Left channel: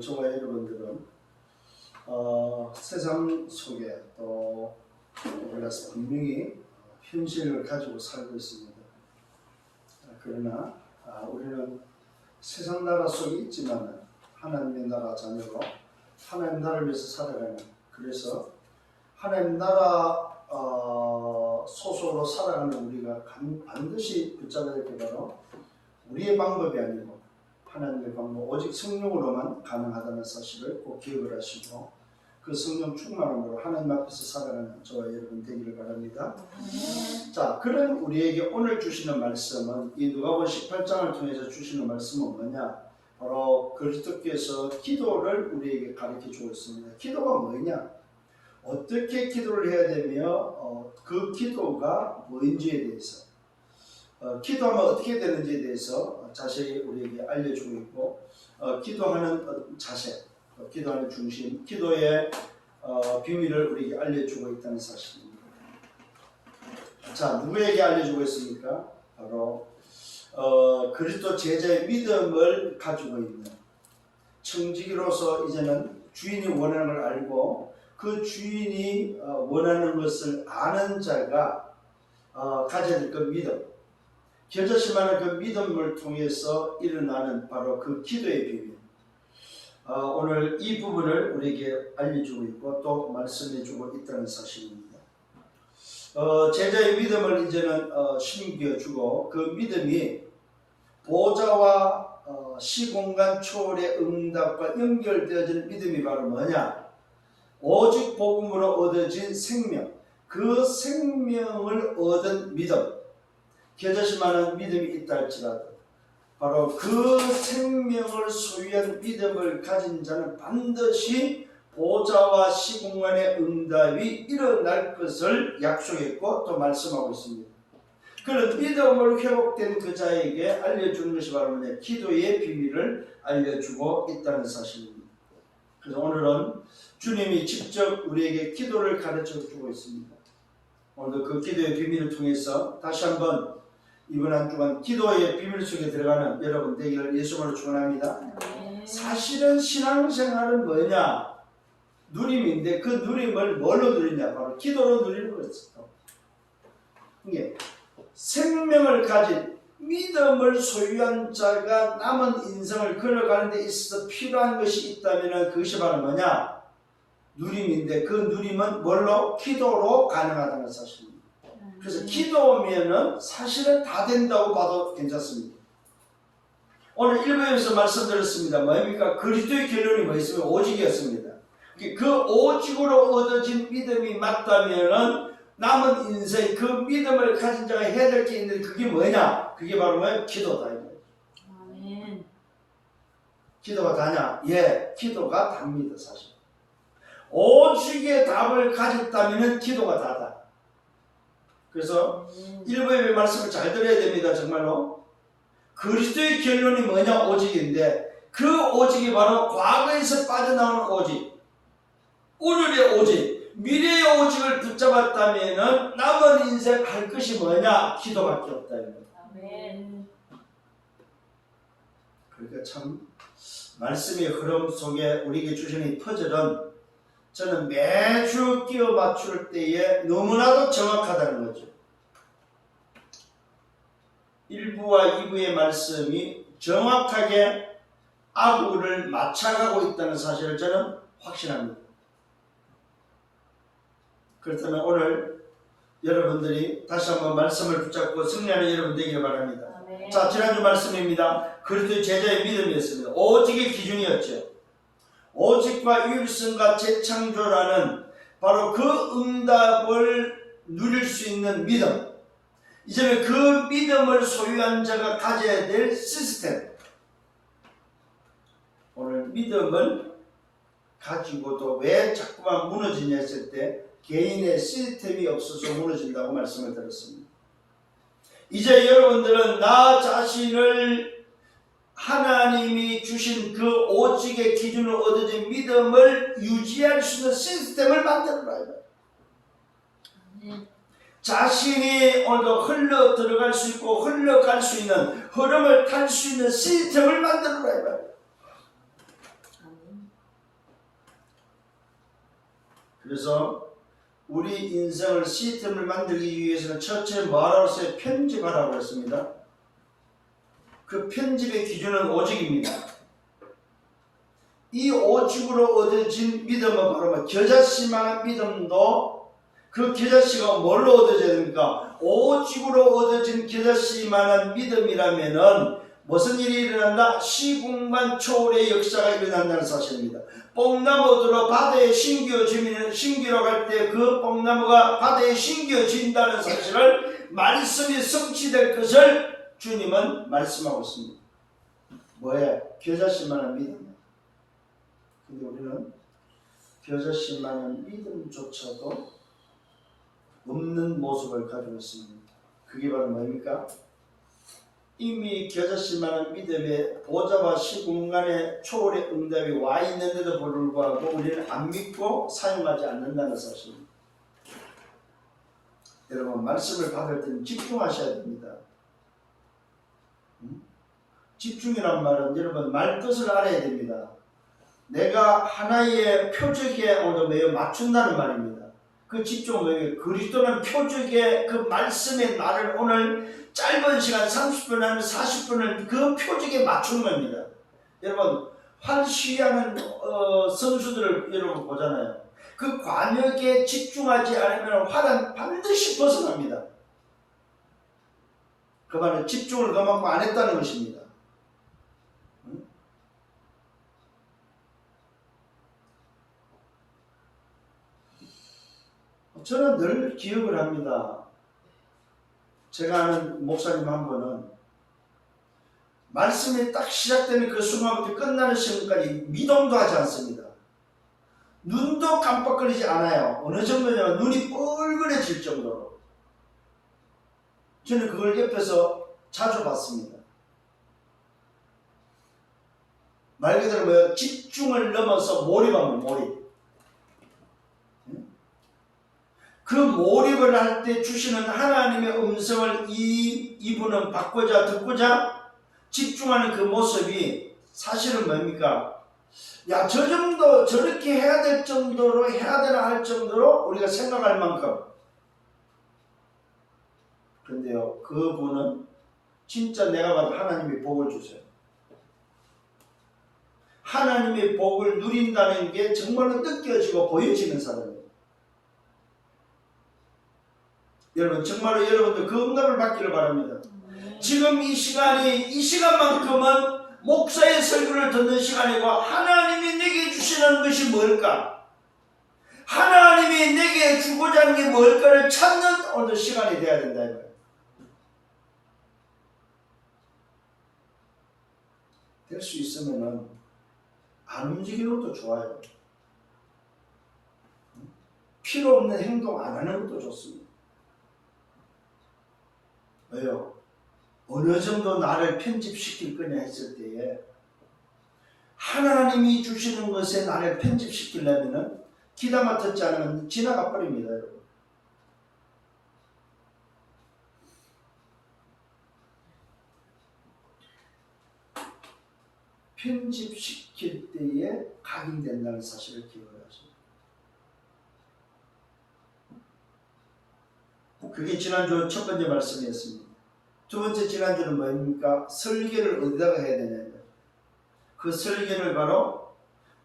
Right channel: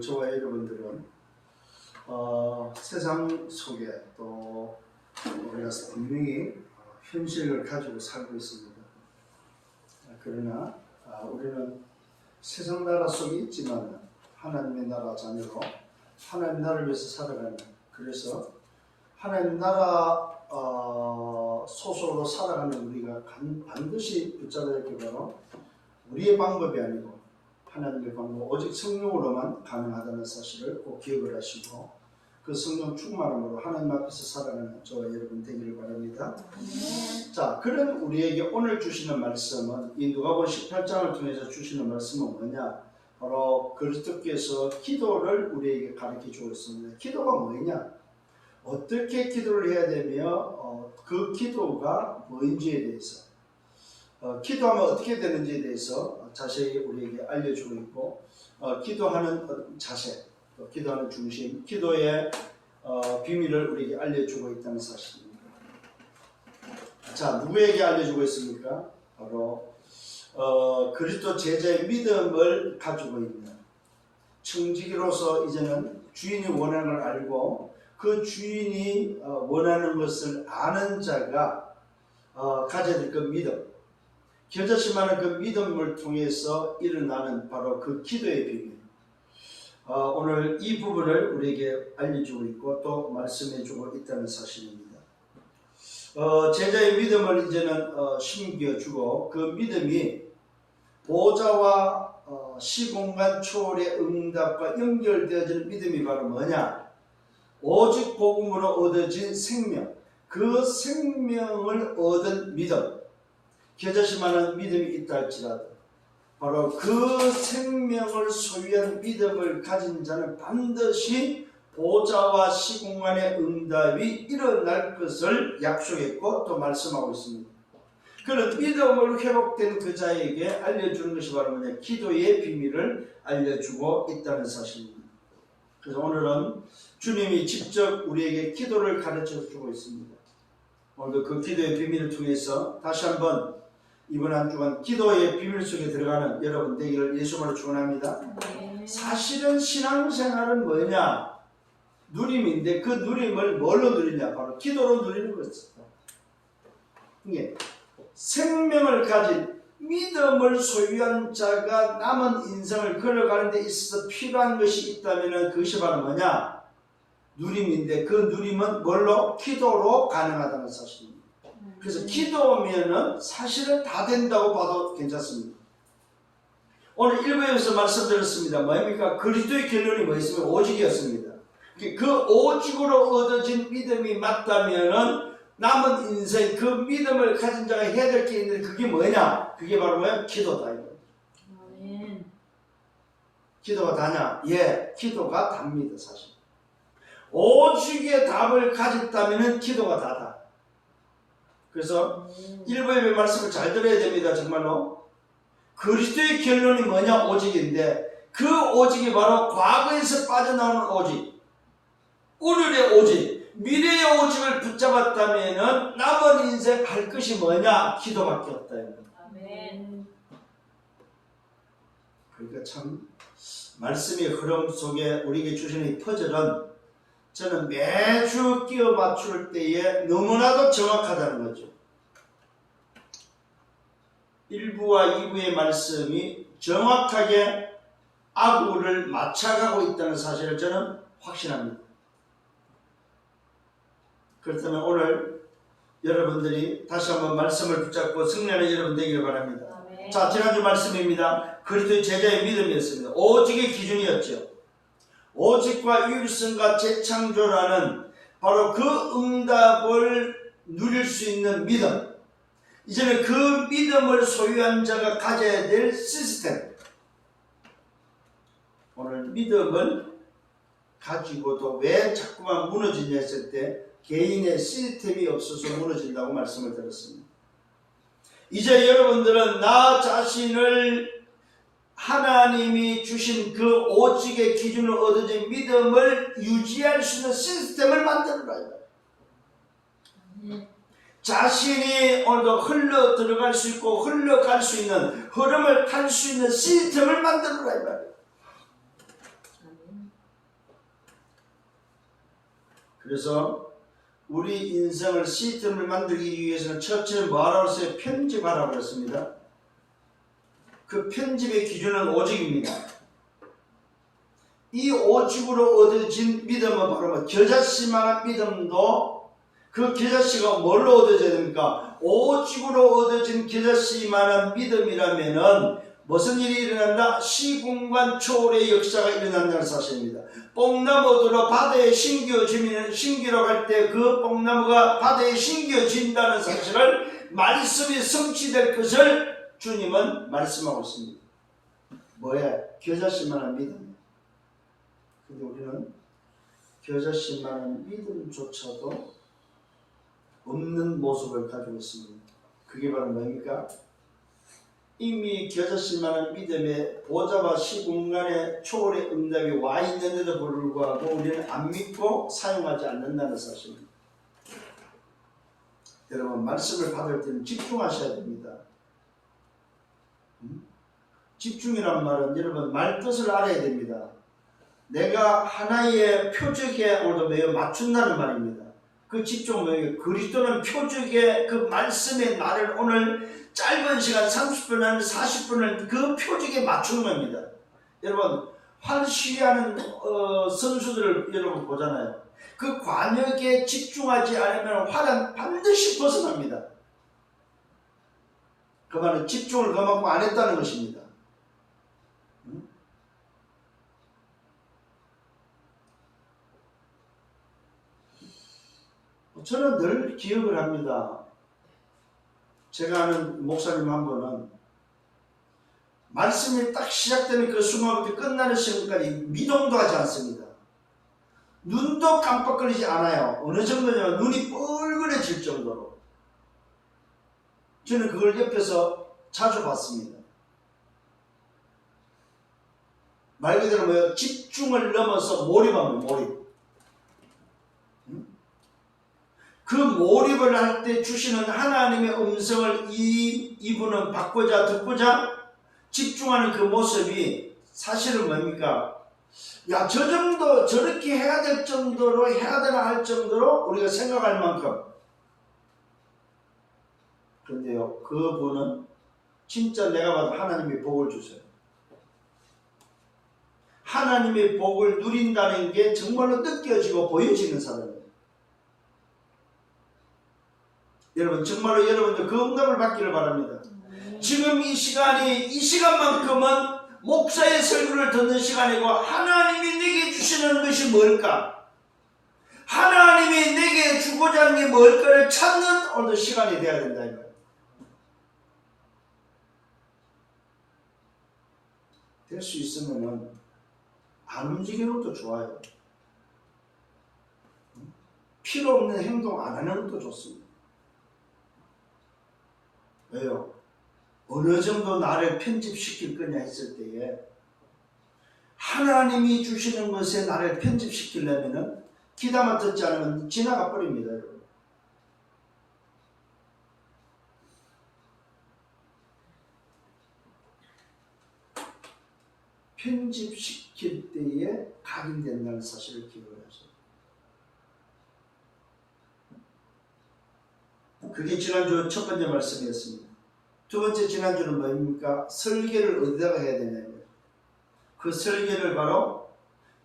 오늘 저와 여러분들은 세상 속에 또 우리가 분명히 현실을 가지고 살고 있습니다. 그러나 우리는 세상 나라 속에 있지만 하나님의 나라 자녀로 하나님 나라를 위해서 살아가는, 그래서 하나님 나라 소속으로 살아가는 우리가 반드시 붙잡아야 할 게 바로 우리의 방법이 아니고 하나님의 방법, 오직 성령으로만 가능하다는 사실을 꼭 기억을 하시고 그 성령 충만함으로 하나님 앞에서 살아가는 저와 여러분 되기를 바랍니다. 자, 그런 우리에게 오늘 주시는 말씀은 이 누가복음 18장을 통해서 주시는 말씀은 뭐냐? 바로 그리스도께서 기도를 우리에게 가르쳐 주었습니다. 기도가 뭐냐? 어떻게 기도를 해야 되며 그 기도가 뭔지에 대해서, 기도하면 어떻게 되는지에 대해서 자세히 우리에게 알려주고 있고, 기도하는 자세, 기도하는 중심, 기도의 비밀을 우리에게 알려주고 있다는 사실입니다. 자, 누구에게 알려주고 있습니까? 바로 그리스도 제자의 믿음을 가지고 있는 청지기로서 이제는 주인이 원하는 걸 알고 그 주인이 원하는 것을 아는 자가 가져야 될 그 믿음, 겨자씨만한 그 믿음을 통해서 일어나는 바로 그 기도의 비밀, 오늘 이 부분을 우리에게 알려주고 있고 또 말씀해주고 있다는 사실입니다. 제자의 믿음을 이제는 심겨주고 그 믿음이 보좌와 시공간 초월의 응답과 연결되어지는 믿음이 바로 뭐냐? 오직 복음으로 얻어진 생명, 그 생명을 얻은 믿음, 겨자씨만한 믿음이 있다 할지라도 바로 그 생명을 소유한 믿음을 가진 자는 반드시 보좌와 시공간의 응답이 일어날 것을 약속했고 또 말씀하고 있습니다. 그런 믿음을 회복된 그 자에게 알려주는 것이 바로 뭐냐? 기도의 비밀을 알려주고 있다는 사실입니다. 그래서 오늘은 주님이 직접 우리에게 기도를 가르쳐주고 있습니다. 오늘도 그 기도의 비밀을 통해서 다시 한번 이번 한 주간 기도의 비밀 속에 들어가는 여러분 되기를 예수님으로 축원합니다. 사실은 신앙생활은 뭐냐? 누림인데 그 누림을 뭘로 누리냐? 바로 기도로 누리는 것이죠. 이게 생명을 가진 믿음을 소유한 자가 남은 인생을 걸어가는 데 있어서 필요한 것이 있다면 그것이 바로 뭐냐? 누림인데 그 누림은 뭘로? 기도로 가능하다는 사실입니다. 그래서 기도면은 사실은 다 된다고 봐도 괜찮습니다. 오늘 1부에서 말씀드렸습니다. 뭐입니까? 그리스도의 결론이 뭐였으면 오직이었습니다. 그 오직으로 얻어진 믿음이 맞다면은 남은 인생 그 믿음을 가진 자가 해야 될 게 있는데 그게 뭐냐? 그게 바로 뭐야? 기도다. 아멘. 기도가 다냐? 예, 기도가 답니다. 사실 오직의 답을 가졌다면 기도가 다다. 그래서 일부의 말씀을 잘 들어야 됩니다. 정말로 그리스도의 결론이 뭐냐? 오직인데 그 오직이 바로 과거에서 빠져나오는 오직, 오늘의 오직, 미래의 오직을 붙잡았다면 남은 인생 할 것이 뭐냐? 기도밖에 없다. 아멘. 그러니까 참 말씀의 흐름 속에 우리에게 주시는 이 퍼즐은 저는 매주 끼워 맞출 때에 너무나도 정확하다는 거죠. 1부와 2부의 말씀이 정확하게 아구를 맞춰가고 있다는 사실을 저는 확신합니다. 그렇다면 오늘 여러분들이 다시 한번 말씀을 붙잡고 승리하는 여러분 되기를 바랍니다. 아멘. 자, 지난주 말씀입니다. 그리스도의 제자의 믿음이었습니다. 오직의 기준이었죠. 오직과 유일성과 재창조라는 바로 그 응답을 누릴 수 있는 믿음, 이제는 그 믿음을 소유한 자가 가져야 될 시스템, 오늘 믿음을 가지고도 왜 자꾸만 무너지냐 했을 때 개인의 시스템이 없어서 무너진다고 말씀을 드렸습니다. 이제 여러분들은 나 자신을 하나님이 주신 그 오직의 기준으로 얻어진 믿음을 유지할 수 있는 시스템을 만들어라. 자신이 오늘도 흘러 들어갈 수 있고 흘러갈 수 있는 흐름을 탈 수 있는 시스템을 만들어라. 그래서 우리 인생을 시스템을 만들기 위해서는 첫째 뭐하라고 했어요? 편집하라고 했습니다. 그 편집의 기준은 오직입니다. 이 오직으로 얻어진 믿음은 바로 겨자씨만한 믿음도 그 겨자씨가 뭘로 얻어져야 됩니까? 오직으로 얻어진 겨자씨만한 믿음이라면은 무슨 일이 일어난다? 시공간 초월의 역사가 일어난다는 사실입니다. 뽕나무들로 바다에 심기로 갈 때 그 뽕나무가 바다에 심겨진다는 사실을 말씀이 성취될 것을 주님은 말씀하고 있습니다. 뭐야? 겨자씨만한 믿음. 근데 우리는 겨자씨만한 믿음조차도 없는 모습을 가지고 있습니다. 그게 바로 뭡니까? 이미 겨자씨만한 믿음의 보좌와 시공간의 초월의 응답이 와 있는데도 불구하고 우리는 안 믿고 사용하지 않는다는 사실입니다. 여러분, 말씀을 받을 때는 집중하셔야 됩니다. 집중이란 말은 여러분 말뜻을 알아야 됩니다. 내가 하나의 표적에 매어 맞춘다는 말입니다. 그 집중은 그리스도는 표적의 그 말씀의 나를 오늘 짧은 시간 30분 아니면 40분을 그 표적에 맞추는 겁니다. 여러분 활시하는 선수들을 여러분 보잖아요. 그 관역에 집중하지 않으면 활은 반드시 벗어납니다. 그 말은 집중을 그만큼 안 했다는 것입니다. 저는 늘 기억을 합니다. 제가 아는 목사님 한 분은 말씀이 딱 시작되는 그 순간부터 끝나는 시간까지 미동도 하지 않습니다. 눈도 깜빡거리지 않아요. 어느 정도냐면 눈이 뻘그레질 정도로. 저는 그걸 옆에서 자주 봤습니다. 말 그대로 집중을 넘어서 몰입하면 몰입. 그 몰입을 할 때 주시는 하나님의 음성을 이분은 받고자 듣고자 집중하는 그 모습이 사실은 뭡니까? 야, 저 정도 저렇게 해야 될 정도로 해야 되나 할 정도로 우리가 생각할 만큼. 그런데요, 그분은 진짜 내가 봐도 하나님이 복을 주세요. 하나님의 복을 누린다는 게 정말로 느껴지고 보여지는 사람이에요. 여러분 정말로 여러분들 그 응답을 받기를 바랍니다. 지금 이 시간만큼은 목사의 설교를 듣는 시간이고 하나님이 내게 주시는 것이 뭘까? 하나님이 내게 주고자 하는 게 뭘까를 찾는 오늘 시간이 되어야 된다 이거예요. 될 수 있으면은 안 움직이는 것도 좋아요. 필요 없는 행동 안 하는 것도 좋습니다. 왜요? 어느 정도 나를 편집시킬 거냐 했을 때에 하나님이 주시는 것에 나를 편집시키려면은 귀담아 듣지 않으면 지나가 버립니다, 여러분. 편집시킬 때에 각인된다는 사실을 기억을 하세요. 그게 지난주 첫 번째 말씀이었습니다. 두 번째 지난주는 뭡니까? 설계를 어디다가 해야 되냐면 그 설계를 바로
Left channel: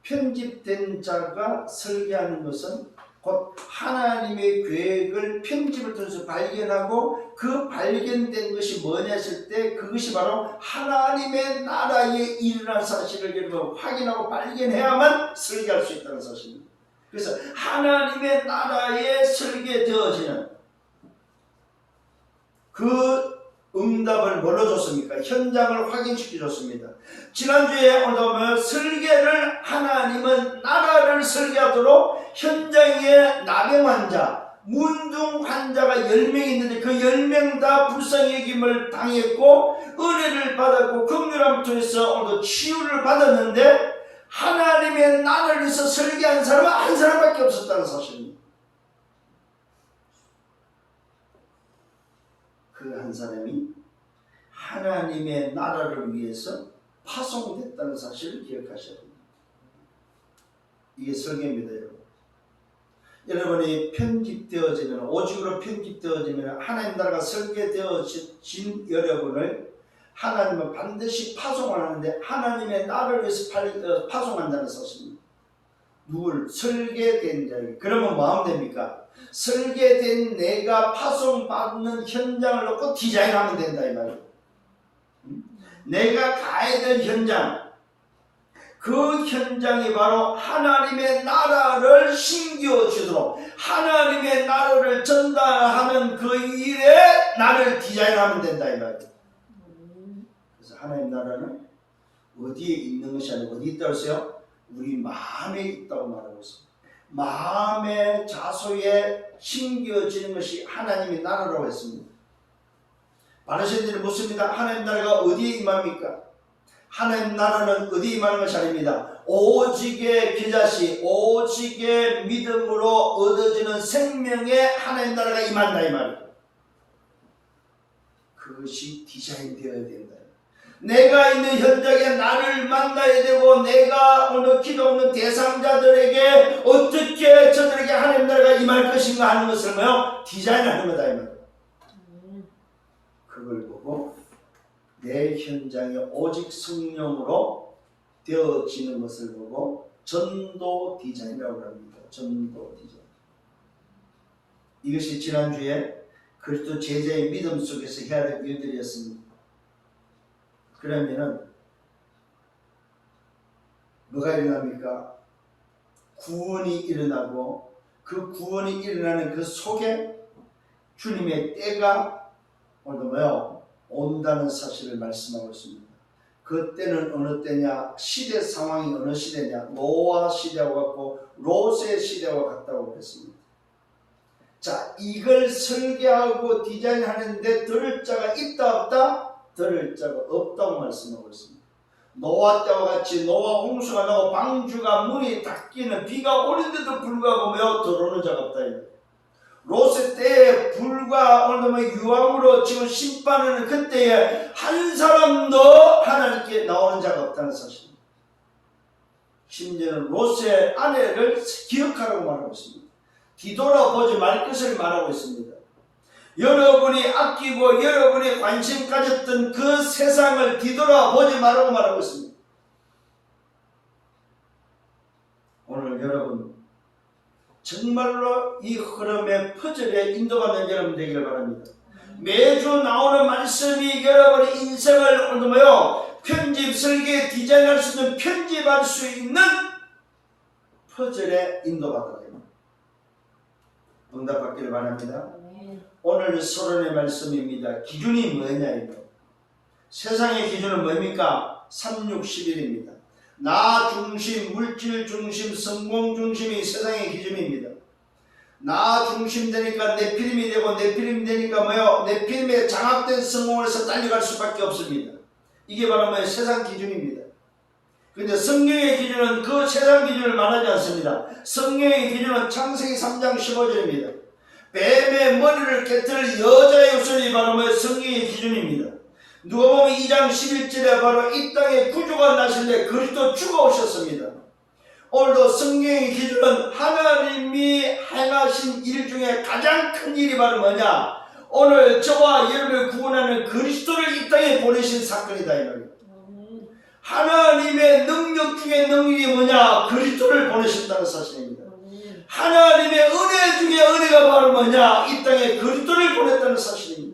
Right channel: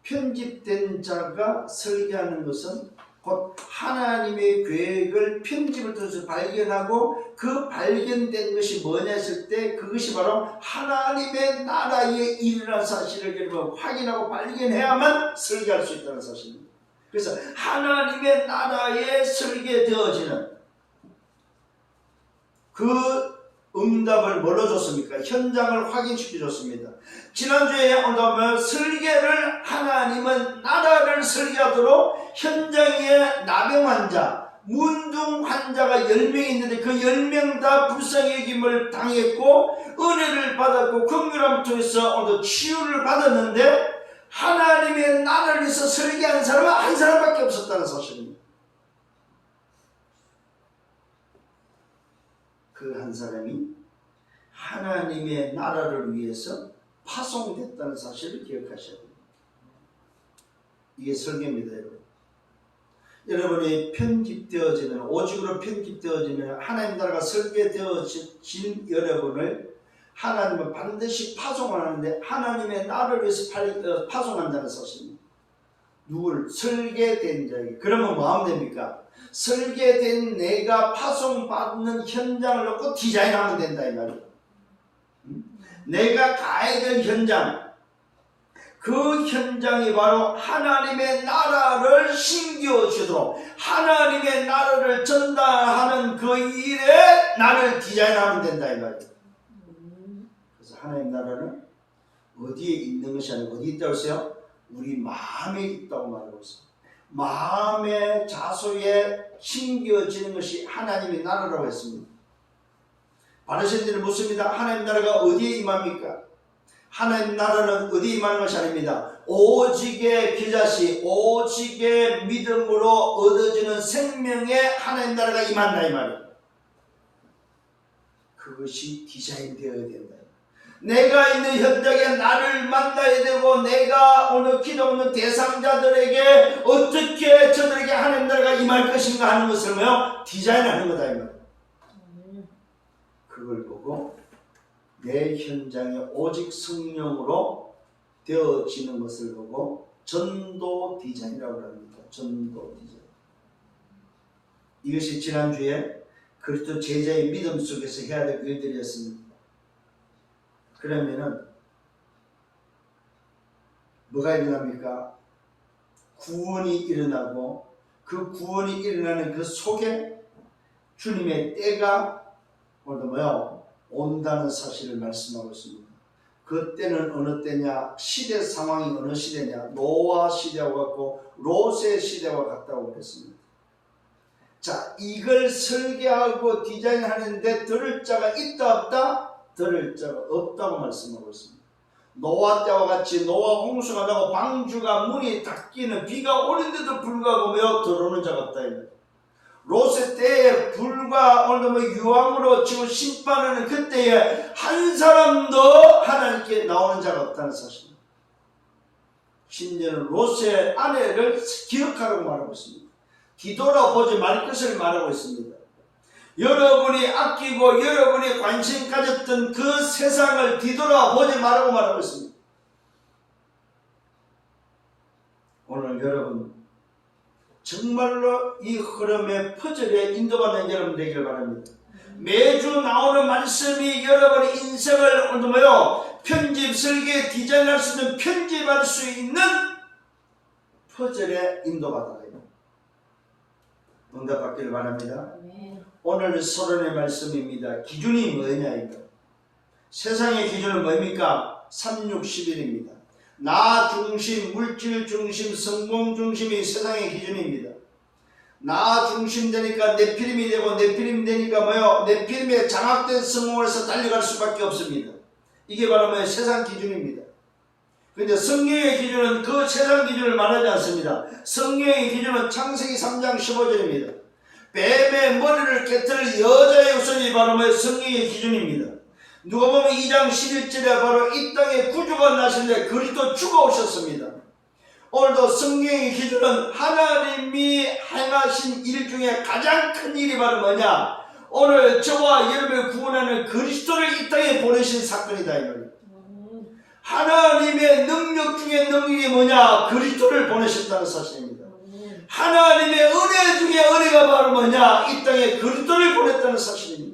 편집된 자가 설계하는 것은 곧 하나님의 계획을 편집을 통해서 발견하고 그 발견된 것이 뭐냐 했을 때 그것이 바로 하나님의 나라에 일어난 사실을 여러분 확인하고 발견해야만 설계할 수 있다는 사실입니다. 그래서 하나님의 나라에 설계되어지는 그 응답을 뭘로 줬습니까? 현장을 확인시켜 줬습니다. 지난주에 보면 설계를 하나님은 나라를 설계하도록 현장에 나병 환자, 문둥 환자가 10명 있는데 그 10명 다 불쌍히 여김을 당했고 은혜를 받았고 긍휼함을 통해서 오늘 치유를 받았는데 하나님의 나라를 위해서 설계한 사람은 한 사람밖에 없었다는 사실입니다. 그 한 사람이 하나님의 나라를 위해서 파송됐다는 사실을 기억하셔야 됩니다. 이게 설계입니다, 여러분. 여러분이 편집되어지면, 오직으로 편집되어지면 하나님 나라가 설계되어진 여러분을 하나님은 반드시 파송을 하는데, 하나님의 나라를 위해서 파송한다는 사실입니다. 누굴? 설계된 자에게. 그러면 뭐 하면 됩니까? 설계된 내가 파송받는 현장을 놓고 디자인하면 된다 이 말이에요. 내가 가야 될 현장, 그 현장이 바로 하나님의 나라를 심겨주도록 하나님의 나라를 전달하는 그 일에 나를 디자인하면 된다 이 말이에요. 그래서 하나님 나라는 어디에 있는 것이 아니고 어디 있다고 했어요? 우리 마음에 있다고 말하고 있습니다. 마음의 자소에 심겨지는 것이 하나님의 나라라고 했습니다. 바리새인들은 묻습니다. 하나님 나라가 어디에 임합니까? 하나님 나라는 어디에 임하는 것이 아닙니다. 오직의 겨자씨, 오직의 믿음으로 얻어지는 생명에 하나님 나라가 임한다 이 말이에요. 그것이 디자인되어야 된다. 내가 있는 현장에 나를 만나야 되고, 내가 오늘 기도 없는 대상자들에게 어떻게 저들에게 하나님 나라가 임할 것인가 하는 것을 디자인하는 거다 이 말이에요. 그걸 보고 내 현장에 오직 성령으로 되어지는 것을 보고 전도 디자인이라고 합니다. 전도 디자인. 이것이 지난주에 그리스도 제자의 믿음 속에서 해야 될 일들이었습니다. 그러면은 뭐가 일어납니까? 구원이 일어나고, 그 구원이 일어나는 그 속에 주님의 때가 오늘도 온다는 사실을 말씀하고 있습니다. 그 때는 어느 때냐? 시대 상황이 어느 시대냐? 노아 시대와 같고 롯의 시대와 같다고 그랬습니다. 자, 이걸 설계하고 디자인하는데 들을 자가 있다 없다? 들을 자가 없다고 말씀하고 있습니다. 노아 때와 같이 노아 홍수가 나고 방주가 문이 닫히는 비가 오는데도 불구하고 들어오는 자가 없다. 롯의 때에 불과 오늘 유황으로 지금 심판하는 그때에 한 사람도 하나님께 나오는 자가 없다는 사실입니다. 심지어는 롯의 아내를 기억하라고 말하고 있습니다. 뒤돌아보지 말 것을 말하고 있습니다. 여러분이 아끼고 여러분이 관심 가졌던 그 세상을 뒤돌아보지 말라고 말하고 있습니다. 오늘 여러분 정말로 이 흐름의 퍼즐에 인도받는 여러분 되기를 바랍니다. 매주 나오는 말씀이 여러분의 인생을 편집, 설계, 디자인할 수 있는, 편집할 수 있는 퍼즐에 인도받아라. 응답받기를 바랍니다. 오늘 서론의 말씀입니다. 기준이 뭐냐 이거. 세상의 기준은 뭡니까? 360일입니다. 나 중심, 물질 중심, 성공 중심이 세상의 기준입니다. 나 중심 되니까 네피림이 되고, 네피림 되니까 네피림에 장악된 성공을 해서 달려갈 수밖에 없습니다. 이게 바로 세상 기준입니다. 그런데 성경의 기준은 그 세상 기준을 말하지 않습니다. 성경의 기준은 창세기 3장 15절입니다. 뱀의 머리를 깨뜨릴 여자의 후손이 바로 성경의 기준입니다. 누가 보면 2장 11절에 바로 이 땅에 구주가 나신데 그리스도 주가 오셨습니다. 오늘도 성경의 기준은 하나님이 행하신 일 중에 가장 큰 일이 바로 뭐냐? 오늘 저와 여러분을 구원하는 그리스도를 이 땅에 보내신 사건이다 이 말이에요. 하나님의 능력 중에 능력이 뭐냐? 그리스도를 보내셨다는 사실입니다. 하나님의 은혜 중에 은혜가 바로 뭐냐? 이 땅에 그리스도를 보냈다는 사실입니다.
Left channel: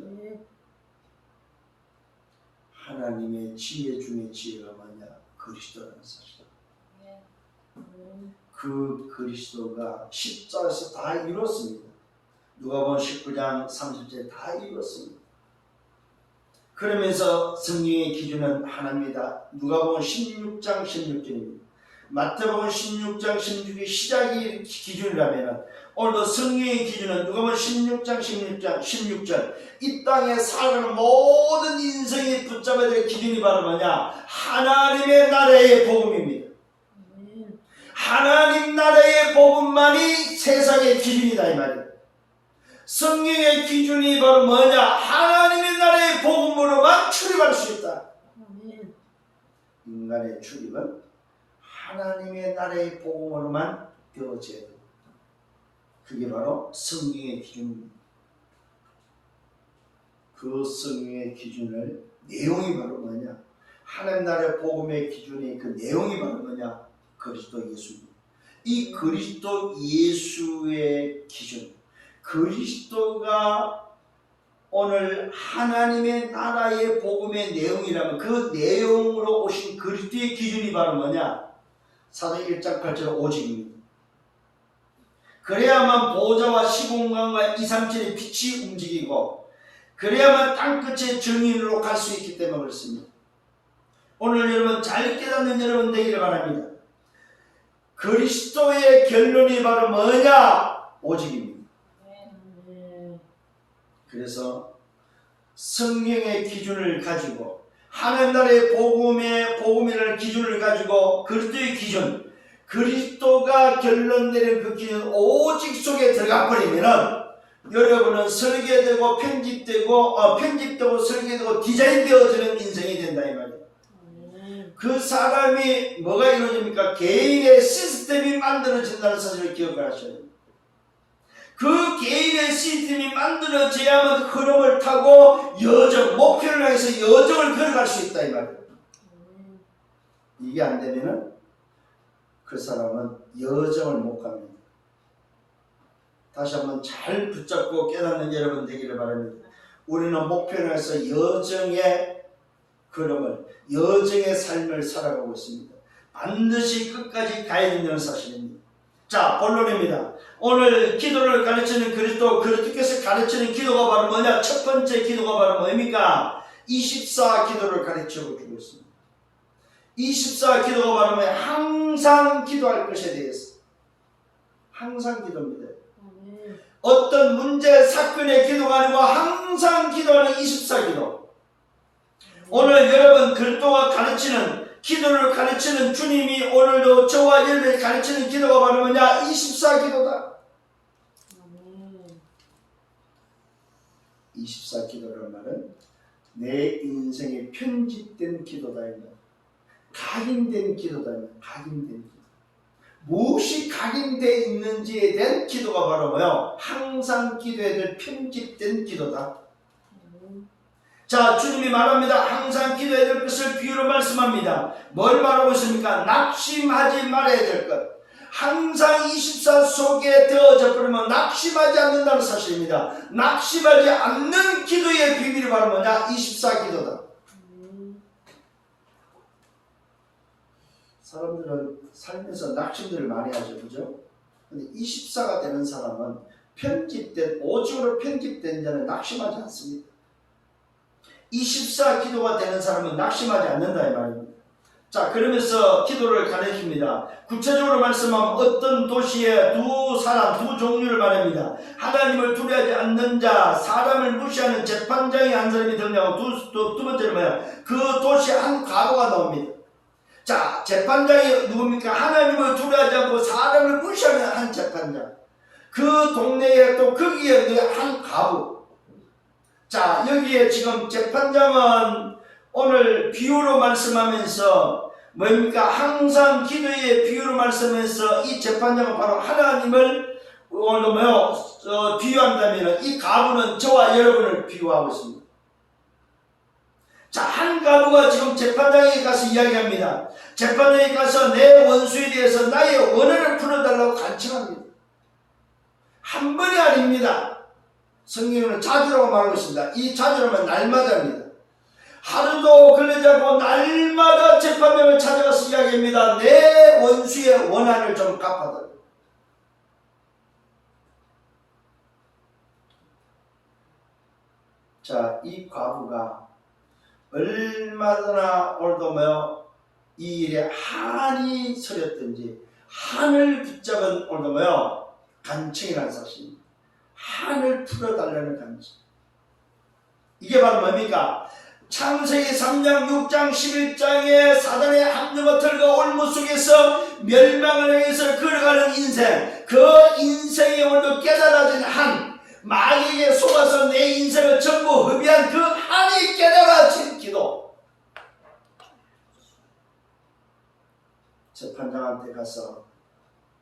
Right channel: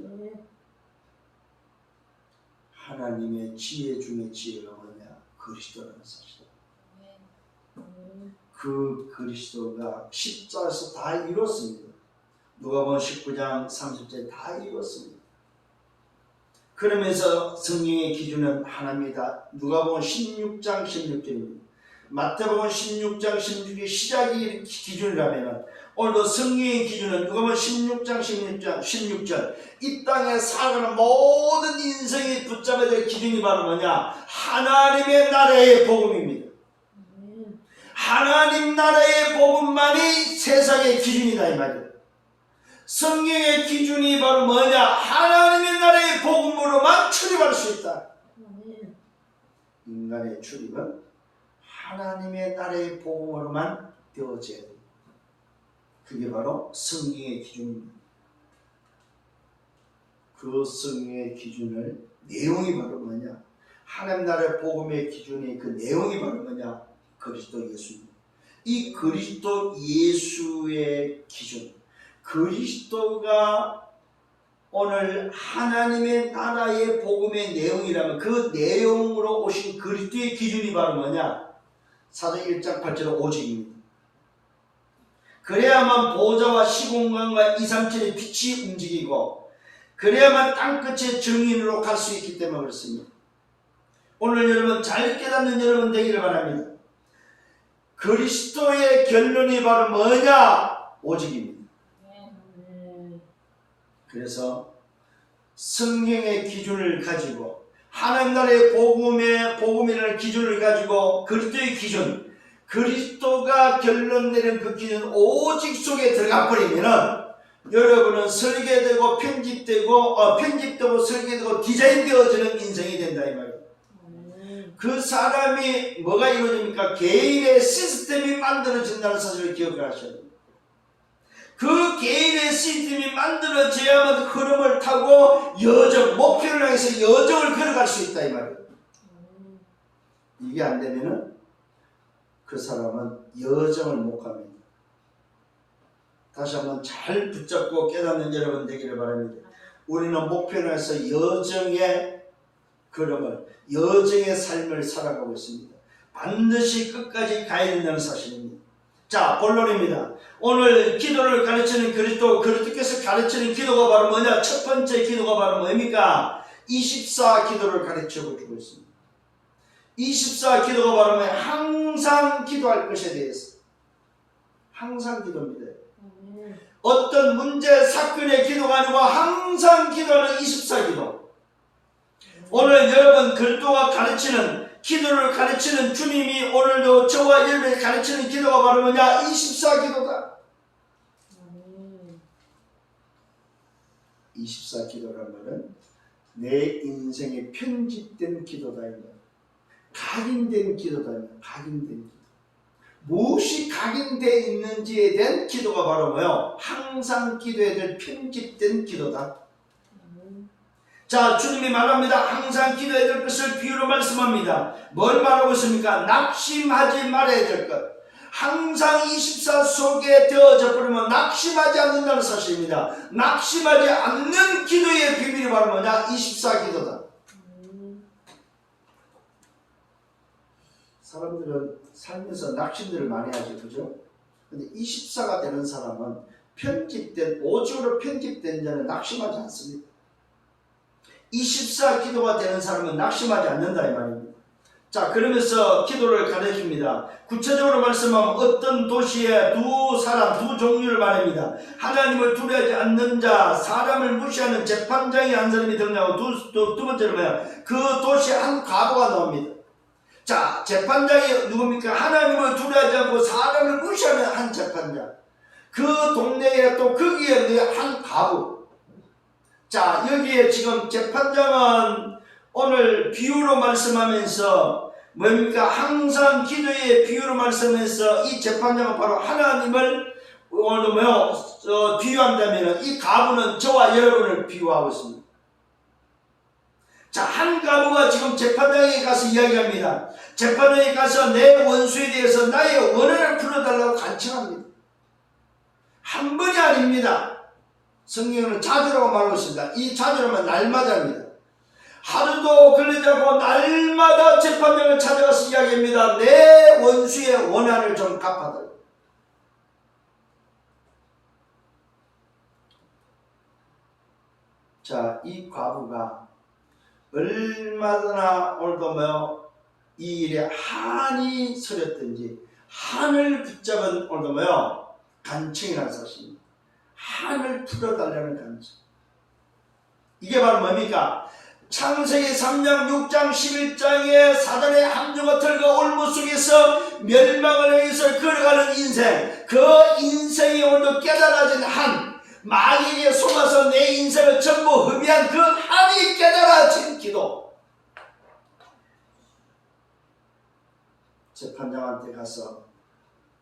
하나님의 지혜 중에 지혜가 뭐냐? 그리스도라는 사실입니다. 그 그리스도가 십자가에서 다 이뤘습니다. 누가복음 19장 30절 다 이뤘습니다. 그러면서 성경의 기준은 하나입니다. 누가복음 16장 16절입니다. 마태복음 16장 16절이 시작이 기준이라면 오늘도 성경의 기준은 누가복음 16장 16절 이 땅에 살아가는 모든 인생이 붙잡아야 될 기준이 바로 뭐냐? 하나님의 나라의 복음입니다. 하나님 나라의 복음만이 세상의 기준이다 이 말이에요. 성경의 기준이 바로 뭐냐? 하나님의 나라의 복음으로만 출입할 수 있다. 인간의 출입은 하나님의 나라의 복음으로만 되어져야 됩니다. 그게 바로 성경의 기준입니다. 그 성경의 기준을 내용이 바로 뭐냐? 하나님 나라의 복음의 기준이 그 내용이 바로 뭐냐? 그리스도 예수입니다. 이 그리스도 예수의 기준, 그리스도가 오늘 하나님의 나라의 복음의 내용이라면 그 내용으로 오신 그리스도의 기준이 바로 뭐냐? 사도행 1장 8절 오직입니다. 그래야만 보좌와 시공간과 237의 빛이 움직이고 그래야만 땅끝의 정인으로 갈 수 있기 때문에 그렇습니다. 오늘 여러분 잘 깨닫는 여러분 되기를 바랍니다. 그리스도의 결론이 바로 뭐냐? 오직입니다. 그래서 성경의 기준을 가지고 하나님 나라의 복음이라는 기준을 가지고 그리스도의 기준, 그리스도가 결론 내린 그 기준 오직 속에 들어가 버리면은 여러분은 설계되고 편집되고 설계되고 디자인되어지는 인생이 된다 이 말이에요. 그 사람이 뭐가 이루어집니까? 개인의 시스템이 만들어진다는 사실을 기억을 하셔야 됩니다. 그 개인의 시스템이 만들어져야만 흐름을 타고 목표를 향해서 여정을 걸어갈 수 있다 이 말이에요. 이게 안 되면은 그 사람은 여정을 못 갑니다. 다시 한번 잘 붙잡고 깨닫는 여러분 되기를 바랍니다. 우리는 목표를 향해서 여정의 걸음을, 여정의 삶을 살아가고 있습니다. 반드시 끝까지 가야 된다는 사실입니다. 자, 본론입니다. 오늘 기도를 가르치는 그리스도께서 가르치는 기도가 바로 뭐냐? 첫 번째 기도가 바로 뭡니까? 24 기도를 가르치고 주고 있습니다. 24 기도가 바로 뭐냐? 항상 기도할 것에 대해서. 항상 기도입니다. 어떤 문제, 사건의 기도가 아니고 항상 기도하는 24 기도. 오늘 여러분 그리스도가 가르치는 기도를 가르치는 주님이 오늘도 저와 여러분을 가르치는 기도가 바로 뭐냐? 24 기도다. 24 기도란 말은 내 인생에 편집된 기도다. 각인된 기도다. 각인된 기도. 무엇이 각인되어 있는지에 대한 기도가 바로 뭐요? 항상 기도해야 될 편집된 기도다. 자, 주님이 말합니다. 항상 기도해야 될 것을 비유로 말씀합니다. 뭘 말하고 있습니까? 낙심하지 말아야 될 것. 항상 24 속에 되어져 버리면 낙심하지 않는다는 사실입니다. 낙심하지 않는 기도의 비밀이 바로 뭐냐? 24 기도다. 사람들은 살면서 낙심들을 많이 하죠. 그죠? 근데 24가 되는 사람은 오직으로 편집된 자는 낙심하지 않습니다. 24 기도가 되는 사람은 낙심하지 않는다 이 말입니다. 자, 그러면서 기도를 가르칩니다. 구체적으로 말씀하면 어떤 도시에 두 종류를 말합니다. 하나님을 두려워하지 않는 자, 사람을 무시하는 재판장이 한 사람이 등장하고 두 번째는 뭐예요? 그 도시에 한 과부가 나옵니다. 자, 재판장이 누굽니까? 하나님을 두려워하지 않고 사람을 무시하는 한 재판장. 그 동네에 또 거기에 한 과부. 자, 여기에 지금 재판장은 오늘 비유로 말씀하면서 뭡니까? 항상 기도의 비유로 말씀하면서 이 재판장은 바로 하나님을 오늘 비유한다면 이 과부는 저와 여러분을 비유하고 있습니다. 자, 한 과부가 지금 재판장에 가서 이야기합니다. 재판장에 가서 내 원수에 대해서 나의 원한을 풀어달라고 간청합니다. 한 번이 아닙니다. 성경은 자주라고 말하고 있습니다. 이 자주라면 날마다입니다. 하루도 걸리지 않고 날마다 재판장을 찾아가서 이야기합니다. 내 원수의 원한을 좀 갚아달라. 자, 이 과부가 얼마나 오늘도 이 일에 한이 서렸든지 한을 붙잡은 오늘도 간청이라는 사실입니다. 한을 풀어달라는 간청. 이게 바로 뭡니까? 창세기 3장, 6장, 11장에 사단의 함정과 틀과 올무 속에서 멸망을 향해서 걸어가는 인생, 그 인생이 오늘도 깨달아진 한, 마귀에게 속아서 내 인생을 전부 흡입한 그 한이 깨달아진 기도. 재판장한테 가서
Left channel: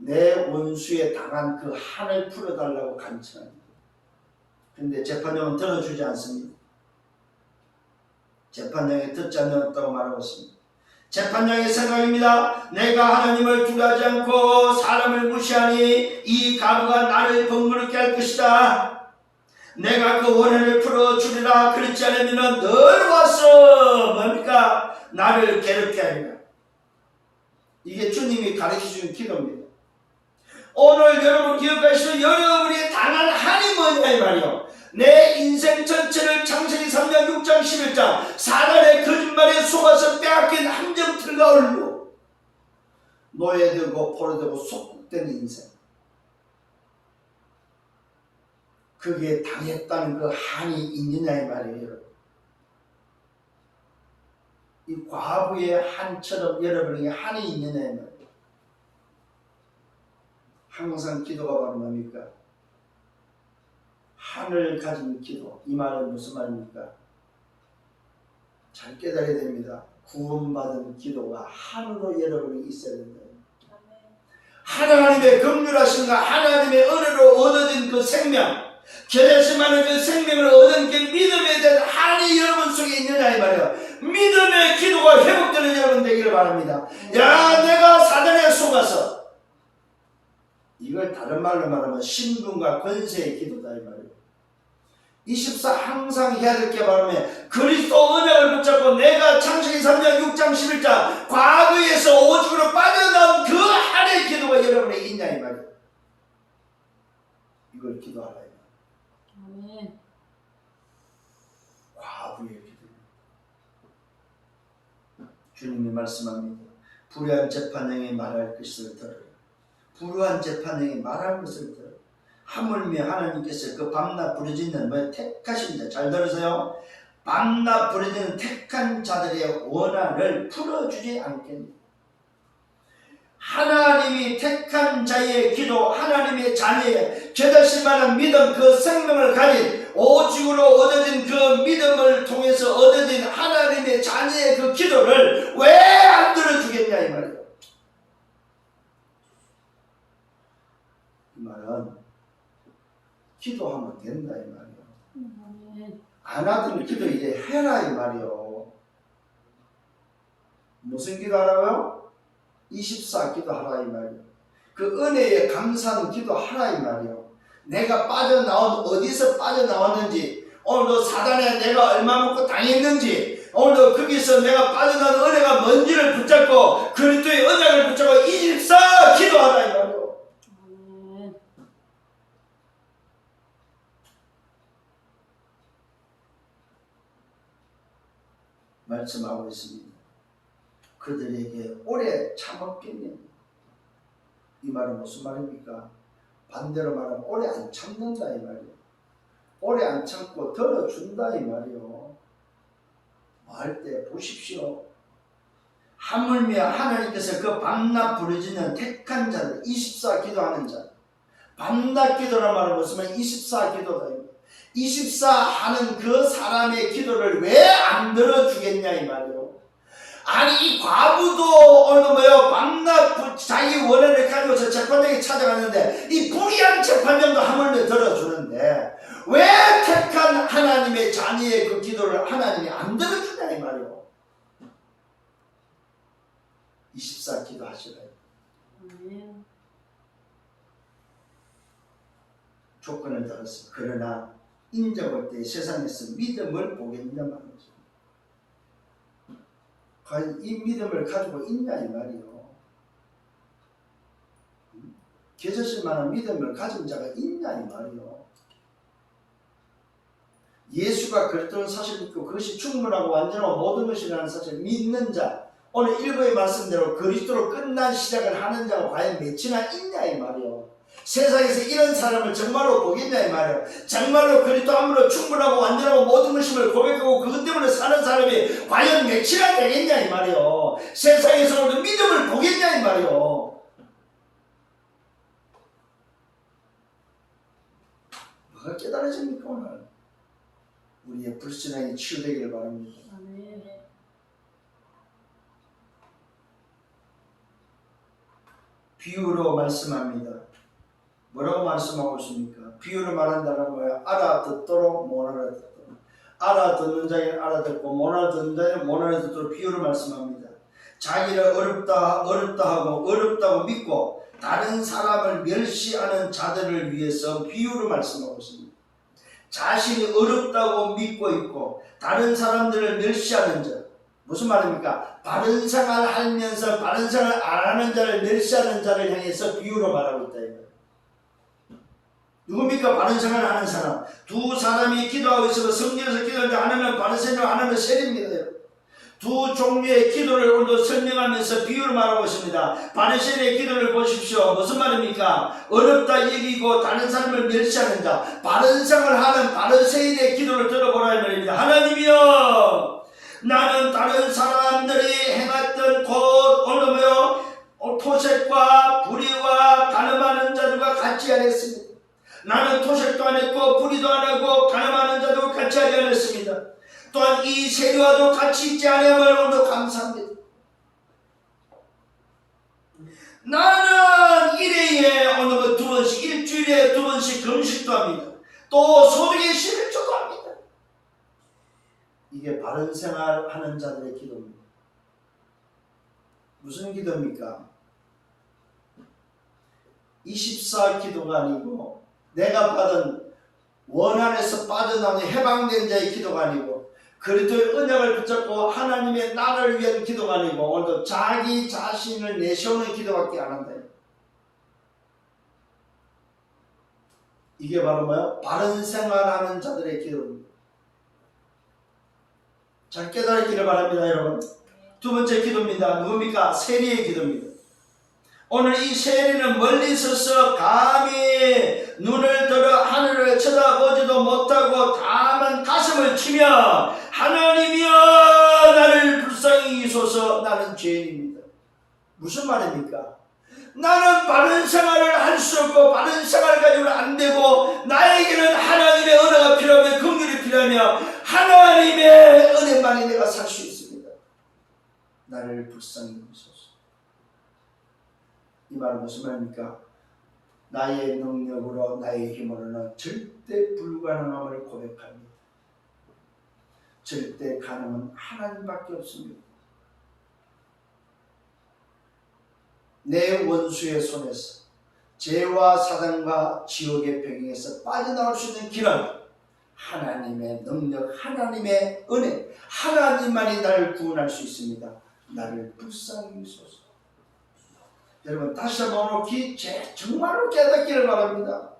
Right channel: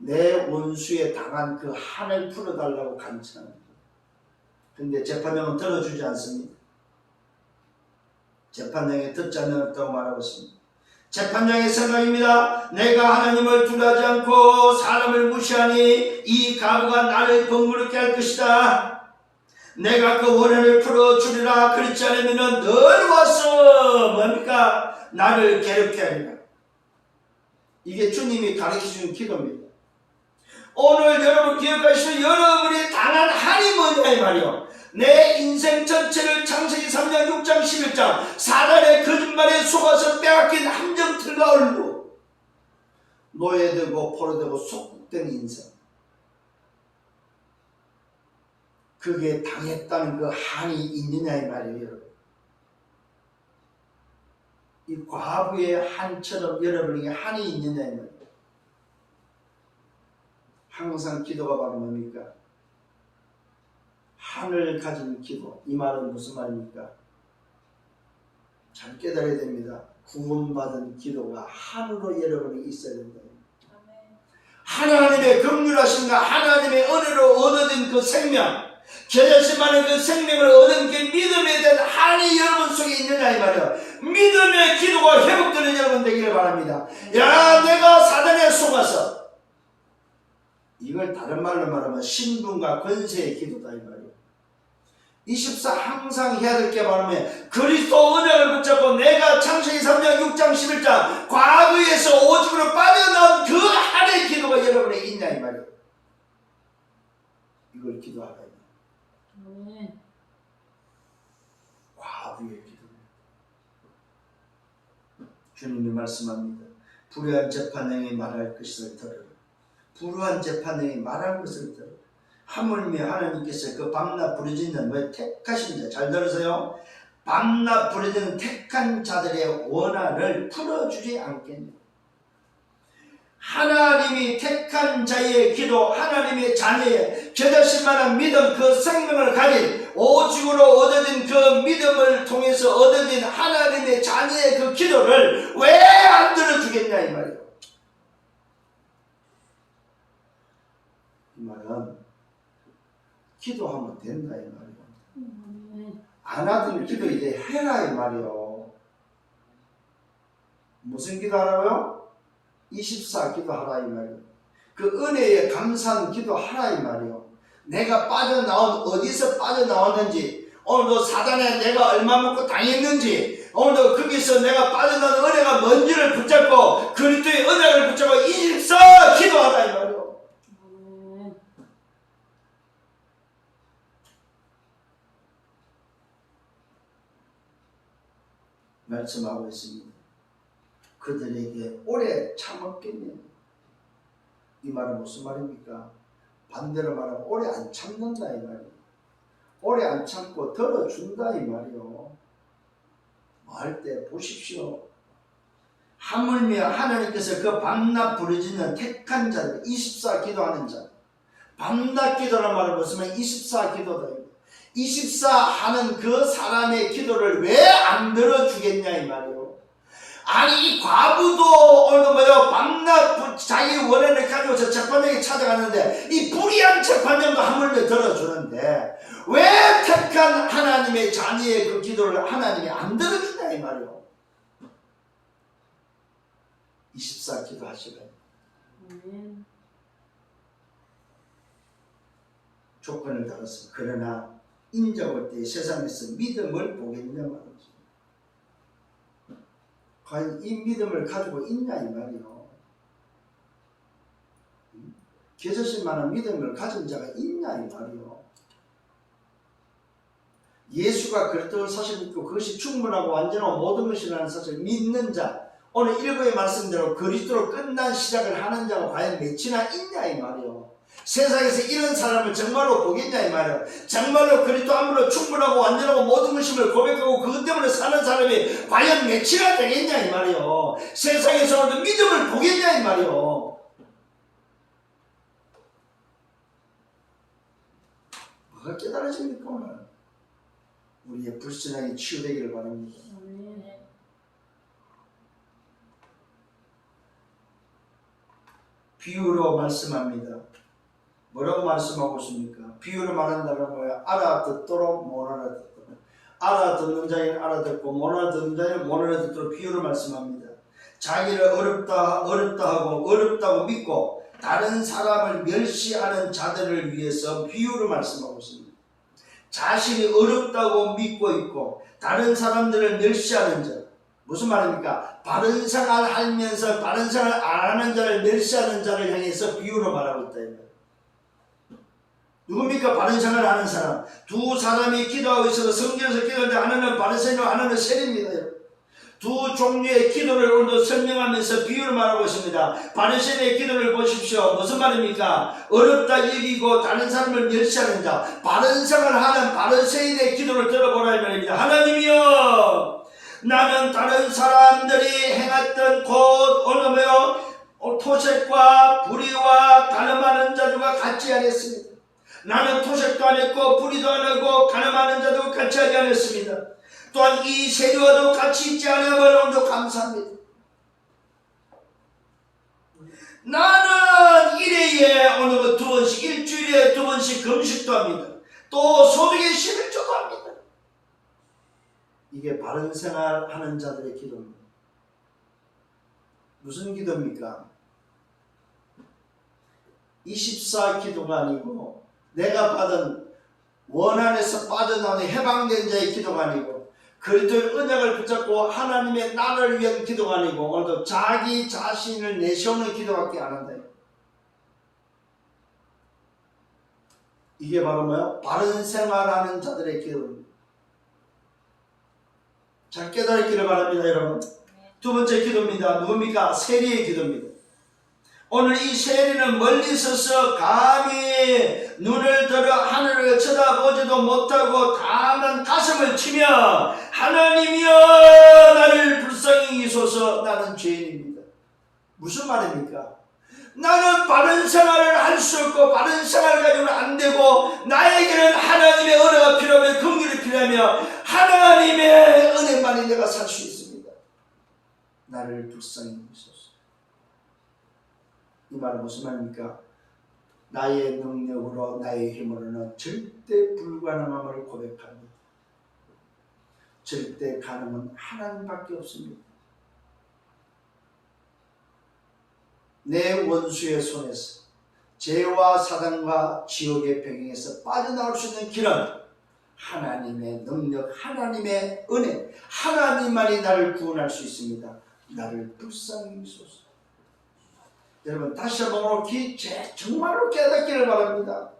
내 원수에 당한 그 한을 풀어달라고 간청합니다. 그런데 재판장은 들어주지 않습니다. 재판장이 듣지 않았다고 말하고 있습니다. 재판장의 생각입니다. 내가 하나님을 두려워하지 않고 사람을 무시하니 이 가부가 나를 번거롭게 할 것이다. 내가 그 원한을 풀어주리라. 그렇지 않으면 늘 와서 뭡니까? 나를 괴롭게 하리라. 이게 주님이 가르쳐준 기도입니다. 오늘 여러분 기억하시고 여러분이 당한 한이 뭐냐 이 말이요. 내 인생 전체를 창세기 3장 6장 11장 사단의 거짓말에 속아서 빼앗긴 함정틀과 얼로 노예되고 포로되고 속국된 인생, 그게 당했다는 그 한이 있느냐 이 말이에요. 여러분, 이 과부의 한처럼 여러분에게 한이 있느냐 이 말이에요. 항상 기도가 바로 뭡니까? 한을 가진 기도. 이 말은 무슨 말입니까? 잘 깨달아야 됩니다. 구원받은 기도가 한으로 여러분이 있어야 된다. 하나님의 긍휼하심과 하나님의 은혜로 얻어진 그 생명, 결실만한 그 생명을 얻은 그 믿음에 대한 한이 여러분 속에 있느냐 이 말이에요. 믿음의 기도가 회복되는 여러분 되기를 바랍니다. 야, 내가 사단에 속아서, 이걸 다른 말로 말하면 신분과 권세의 기도다 이 말이에요. 24 항상 해야 될 게 바라면 그리스도 언약을 붙잡고 내가 창세기 3장 6장 11장 과거에서 오죽으로 빠져나온 그 한의 기도가 여러분에 있냐 이 말이에요. 이걸 기도하라 이 말이에요. 과부의 기도. 주님이 말씀합니다. 불의한 재판장이 말할 것을 들으라. 불의한 재판장이 말할 것을 들으라. 하물며 하나님께서 그 밤낮 부르짖는 뭐 택하신 자, 잘 들으세요. 밤낮 부르짖는 택한 자들의 원한을 풀어주지 않겠냐. 하나님이 택한 자의 기도, 하나님의 자녀의 깨달을 만한 믿음, 그 생명을 가진 오직으로 얻어진 그 믿음을 통해서 얻어진 하나님의 자녀의 그 기도를 왜 안 들어주겠냐 이 말이에요. 이 말은 기도하면 된다 이 말이에요. 안 하던 기도 이제 해라 이 말이에요. 무슨 기도하라고요? 24 기도하라 이 말이에요. 그 은혜에 감사하는 기도하라 이 말이에요. 내가 빠져나온, 어디서 빠져나왔는지, 오늘도 사단에 내가 얼마 먹고 당했는지, 오늘도 거기서 내가 빠져나온 은혜가 뭔지를 붙잡고 그리스도의 언약을 붙잡고 24 기도하라 이 말이에요. 말씀하고 있습니다. 그들에게 오래 참았겠냐. 이 말은 무슨 말입니까? 반대로 말하면 오래 안 참는다 이 말이에요. 오래 안 참고 들어준다 이 말이에요. 뭐 할 때 보십시오. 하물며 하나님께서 그 밤낮 부르짖는 택한 자들, 24 기도하는 자, 밤낮 기도라는 말을 보시면 24 기도다. 24 하는 그 사람의 기도를 왜 안 들어주겠냐 이 말이에요. 아니 이 과부도 오늘도 뭐요, 밤낮 자기 원한을 가지고서 재판장에 찾아갔는데 이 불의한 재판장도 하물며 들어주는데 왜 택한 하나님의 자녀의 그 기도를 하나님이 안 들어주냐 이 말이에요. 24 기도하시라. 조건을 달았습니다. 그러나 인정할 때 세상에서 믿음을 보겠냐 말이죠. 과연 이 믿음을 가지고 있냐 이 말이요. 계셔질 만한 믿음을 가진 자가 있냐 이 말이요. 예수가 그랬던 사실 믿고 그것이 충분하고 완전하고 모든 것이라는 사실을 믿는 자, 오늘 일부의 말씀대로 그리스도로 끝난 시작을 하는 자가 과연 몇이나 있냐 이 말이요. 세상에서 이런 사람을 정말로 보겠냐 이 말이에요. 정말로 그리스도 함으로 충분하고 완전하고 모든 것임을 고백하고 그것 때문에 사는 사람이 과연 몇이나 되겠냐 이 말이에요. 세상에서 오늘도 믿음을 보겠냐 이 말이에요. 뭐가 깨달아집니까 오늘? 우리의 불신앙이 치유되기를 바랍니다. 비유로 말씀합니다. 뭐라고 말씀하고 있습니까? 비유로 말한다는 뭐야? 알아듣도록 못 알아듣도록. 알아듣는 자에게는 알아듣고 못 알아듣는 자에게는 못 알아듣도록 비유로 말씀합니다. 자기를 어렵다 하고 어렵다고 믿고 다른 사람을 멸시하는 자들을 위해서 비유로 말씀하고 있습니다. 자신이 어렵다고 믿고 있고 다른 사람들을 멸시하는 자. 무슨 말입니까? 바른 생활 하면서 바른 생활 안 하는 자를 멸시하는 자를 향해서 비유로 말하고 있다. 누굽니까? 바른 생활을 하는 사람. 두 사람이 기도하고 있어서 성전에서 기도하는데 하나는 바리새인이고 하나는 세리입니다. 두 종류의 기도를 오늘도 설명하면서 비유를 말하고 있습니다. 바리새인의 기도를 보십시오. 무슨 말입니까? 어렵다 여기고 다른 사람을 멸시하는 자. 바른 생활을 하는 바리새인의 기도를 들어보라 이 말입니다. 하나님이여, 나는 다른 사람들이 행했던 오늘 토색과 불의와 가늠하는 자들과 같이 하였습니다. 나는 토색도 안 했고 불의도 안 하고 가늠하는 자도 같이 하지 않았습니다. 또한 이 세리와도 같이 있지 않음을 오늘도 감사합니다. 나는 일회에 오늘 두 번씩 일주일에 두 번씩 금식도 합니다. 또 소득의 11조도 합니다. 이게 바른 생활하는 자들의 기도입니다. 무슨 기도입니까? 24 기도가 아니고 내가 받은 원한에서 빠져나오는 해방된 자의 기도가 아니고 그리스도의 언약을 붙잡고 하나님의 나라를 위한 기도가 아니고 오늘도 자기 자신을 내세우는 기도밖에 안 한다. 이게 바로 뭐야? 바른 생활하는 자들의 기도입니다. 잘 깨달았기를 바랍니다, 여러분. 두 번째 기도입니다. 누굽니까? 세리의 기도입니다. 오늘 이 세리는 멀리 서서 감히 눈을 들어 하늘을 쳐다보지도 못하고 다만 가슴을 치며 하나님이여 나를 불쌍히 여기소서, 나는 죄인입니다. 무슨 말입니까? 나는 바른 생활을 할 수 없고 바른 생활을 가지고는 안 되고 나에게는 하나님의 은혜가 필요하며 긍휼이 필요하며 하나님의 은혜만이 내가 살 수 있습니다. 나를 불쌍히 여기소서. 이 말은 무슨 말입니까? 나의 능력으로 나의 힘으로는 절대 불가능함을 고백합니다. 절대 가능은 하나님밖에 없습니다. 내 원수의 손에서 죄와 사단과 지옥의 병에서 빠져나올 수 있는 길은 하나님의 능력, 하나님의 은혜, 하나님만이 나를 구원할 수 있습니다. 나를 불쌍히 여기소서. 여러분 다시 한번 정말로 깨닫기를 바랍니다.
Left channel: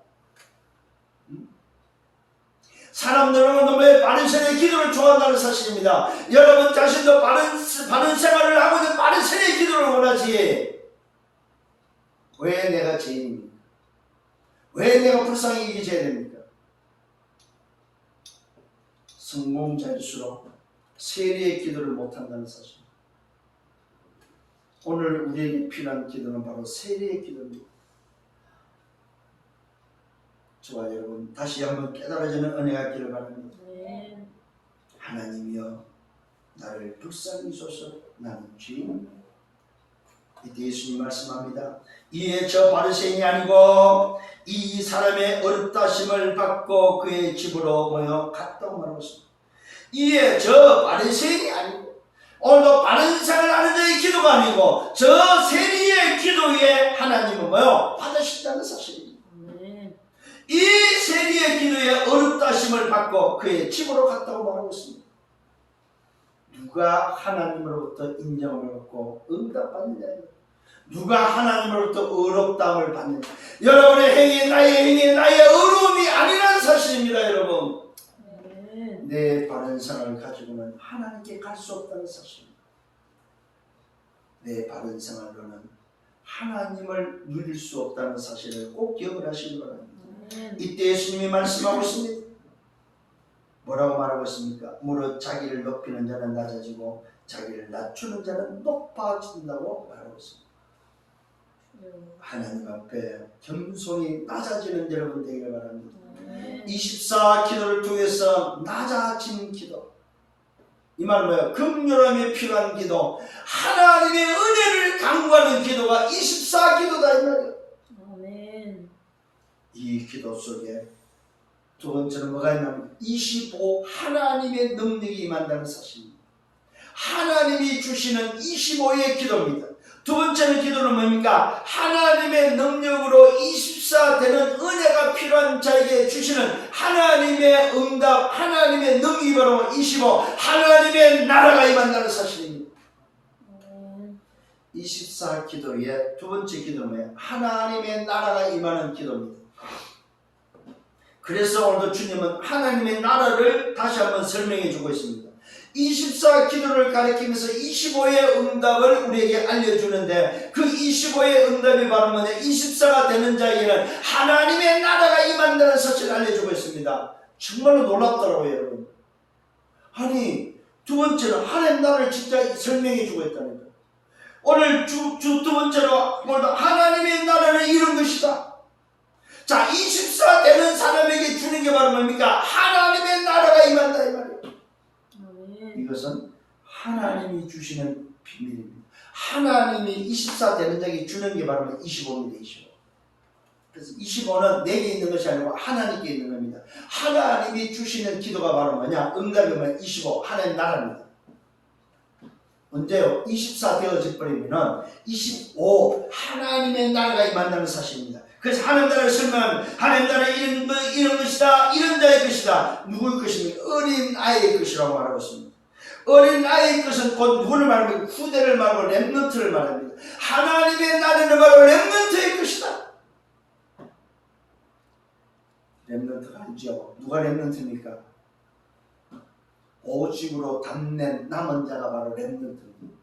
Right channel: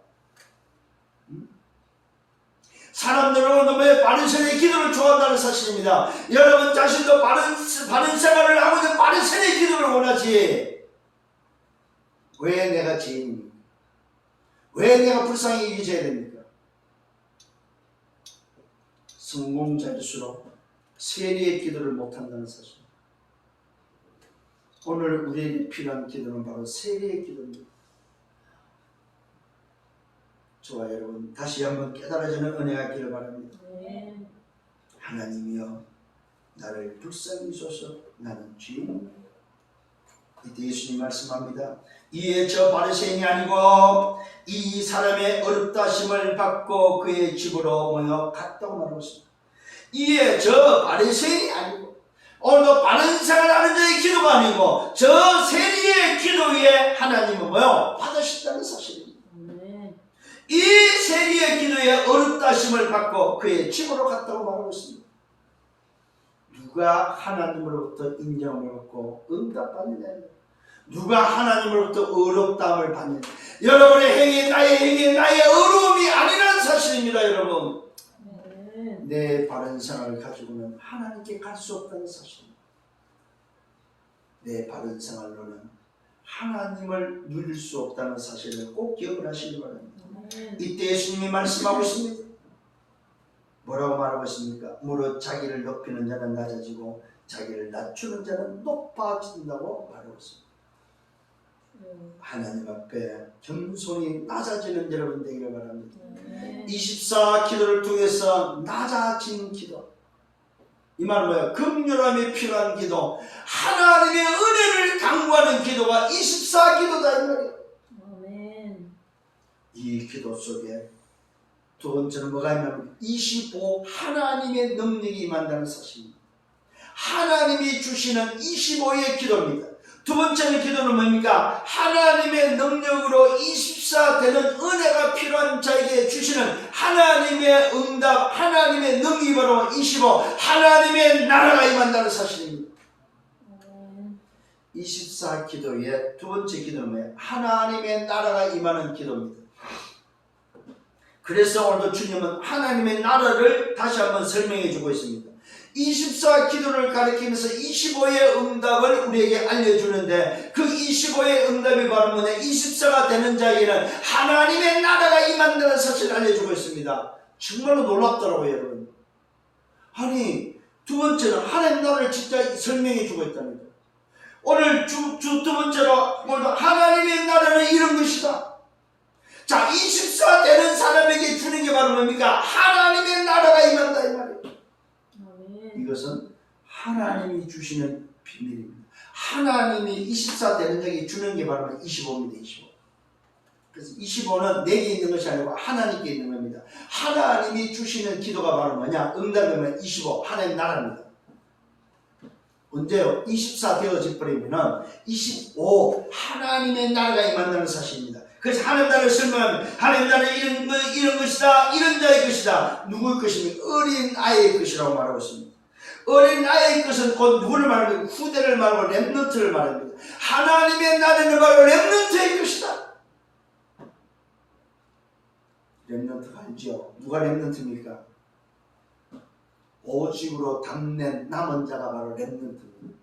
사람들은 너무 바리새인의 기도를 좋아한다는 사실입니다. 여러분 자신도 바른 생활을 하고 있는 바리새인의 기도를 원하지. 왜 내가 죄인입니까? 왜 내가 불쌍히 여겨져야 됩니까? 성공자일수록 세리의 기도를 못한다는 사실. 오늘 우리에게 필요한 기도는 바로 세리의 기도입니다. 저와 여러분 다시 한번 깨달아지는 은혜가 있기를 바랍니다. 하나님이여 나를 불쌍히 여기소서, 나는 죄인입니다. 이때 예수님 말씀합니다. 이에 저 바리새인이 아니고 이 사람의 어렵다심을 받고 그의 집으로 모여 갔다고 말하고 있습니다. 이에 저 바리새인이 아니고 오늘도 바른 생활하는 자의 기도가 아니고 저 세리의 기도에 하나님은 뭐요? 받으신다는 사실입니다. 이 세리의 기도에 어렵다심을 받고 그의 집으로 갔다고 말하고 있습니다. 누가 하나님으로부터 인정을 얻고 응답받느냐? 누가 하나님으로부터 어렵다함을 받느냐? 여러분의 행위, 나의 행위, 나의 어려움이 아니라는 사실입니다. 여러분 내 바른 생활을 가지고는 하나님께 갈 수 없다는 사실입니다. 내 바른 생활로는 하나님을 누릴 수 없다는 사실을 꼭 기억을 하시기 바랍니다. 이때 예수님이 말씀하고 있습니다. 뭐라고 말하고 있습니까? 무릇 자기를 높이는 자는 낮아지고 자기를 낮추는 자는 높아진다고 말하고 있습니다. 하나님 앞에 겸손히 낮아지는 여러분 되기를 바랍니다. 24 기도를 통해서 낮아지는 기도. 이 말은 뭐예요? 긍휼함이 필요한 기도, 하나님의 은혜를 강구하는 기도가 24 기도 기도다 이 말이에요. 아멘. 이 기도 속에 두 번째는 뭐가 있냐면 25 하나님의 능력이 임한다는 사실입니다. 하나님이 주시는 25의 기도입니다. 두 번째는 기도는 뭡니까? 하나님의 능력으로 24 되는 은혜가 필요한 자에게 주시는 하나님의 응답, 하나님의 능력이 바로 25 하나님의 나라가 임한다는 사실입니다. 24 기도의 두 번째 기도는 뭐예요? 하나님의 나라가 임하는 기도입니다. 그래서 오늘도 주님은 하나님의 나라를 다시 한번 설명해 주고 있습니다. 24 기도를 가리키면서 25의 응답을 우리에게 알려주는데 그 25의 응답이 바로 뭐냐? 24가 되는 자에게는 하나님의 나라가 임한다는 사실을 알려주고 있습니다. 정말로 놀랍더라고요, 여러분. 아니, 두 번째는 하나님 나라를 진짜 설명해 주고 있다는 거예요. 오늘 두 번째로 오늘도 하나님의 나라를 이룬 것이다. 자, 24 되는 사람에게 주는 게 바로 뭡니까? 하나님의 나라가 임한다 이 말이에요. 이것은 하나님이 주시는 비밀입니다. 하나님이 24 되는 자에게 주는 게 바로 25입니다. 25. 그래서 25는 내게 있는 것이 아니고 하나님께 있는 겁니다. 하나님이 주시는 기도가 바로 뭐냐? 응답이면 25 하나님 나라입니다. 언제요? 24 되어질 버리면은 25 하나님의 나라가 임한다는 사실입니다. 그래서 하나님 나라를 설명하면 하나님 나라는 이런 것이다, 이런 자의 것이다. 누구의 것입니까? 어린 아이의 것이라고 말하고 있습니다. 어린 아이의 것은 곧 누구를 말합니까? 후대를 말하고 렘넌트를 말합니다. 하나님의 나라는 바로 렘넌트의 것이다. 렘넌트가 아니죠. 누가 렘넌트입니까? 오직으로 담낸 남은 자가 바로 렘넌트입니다.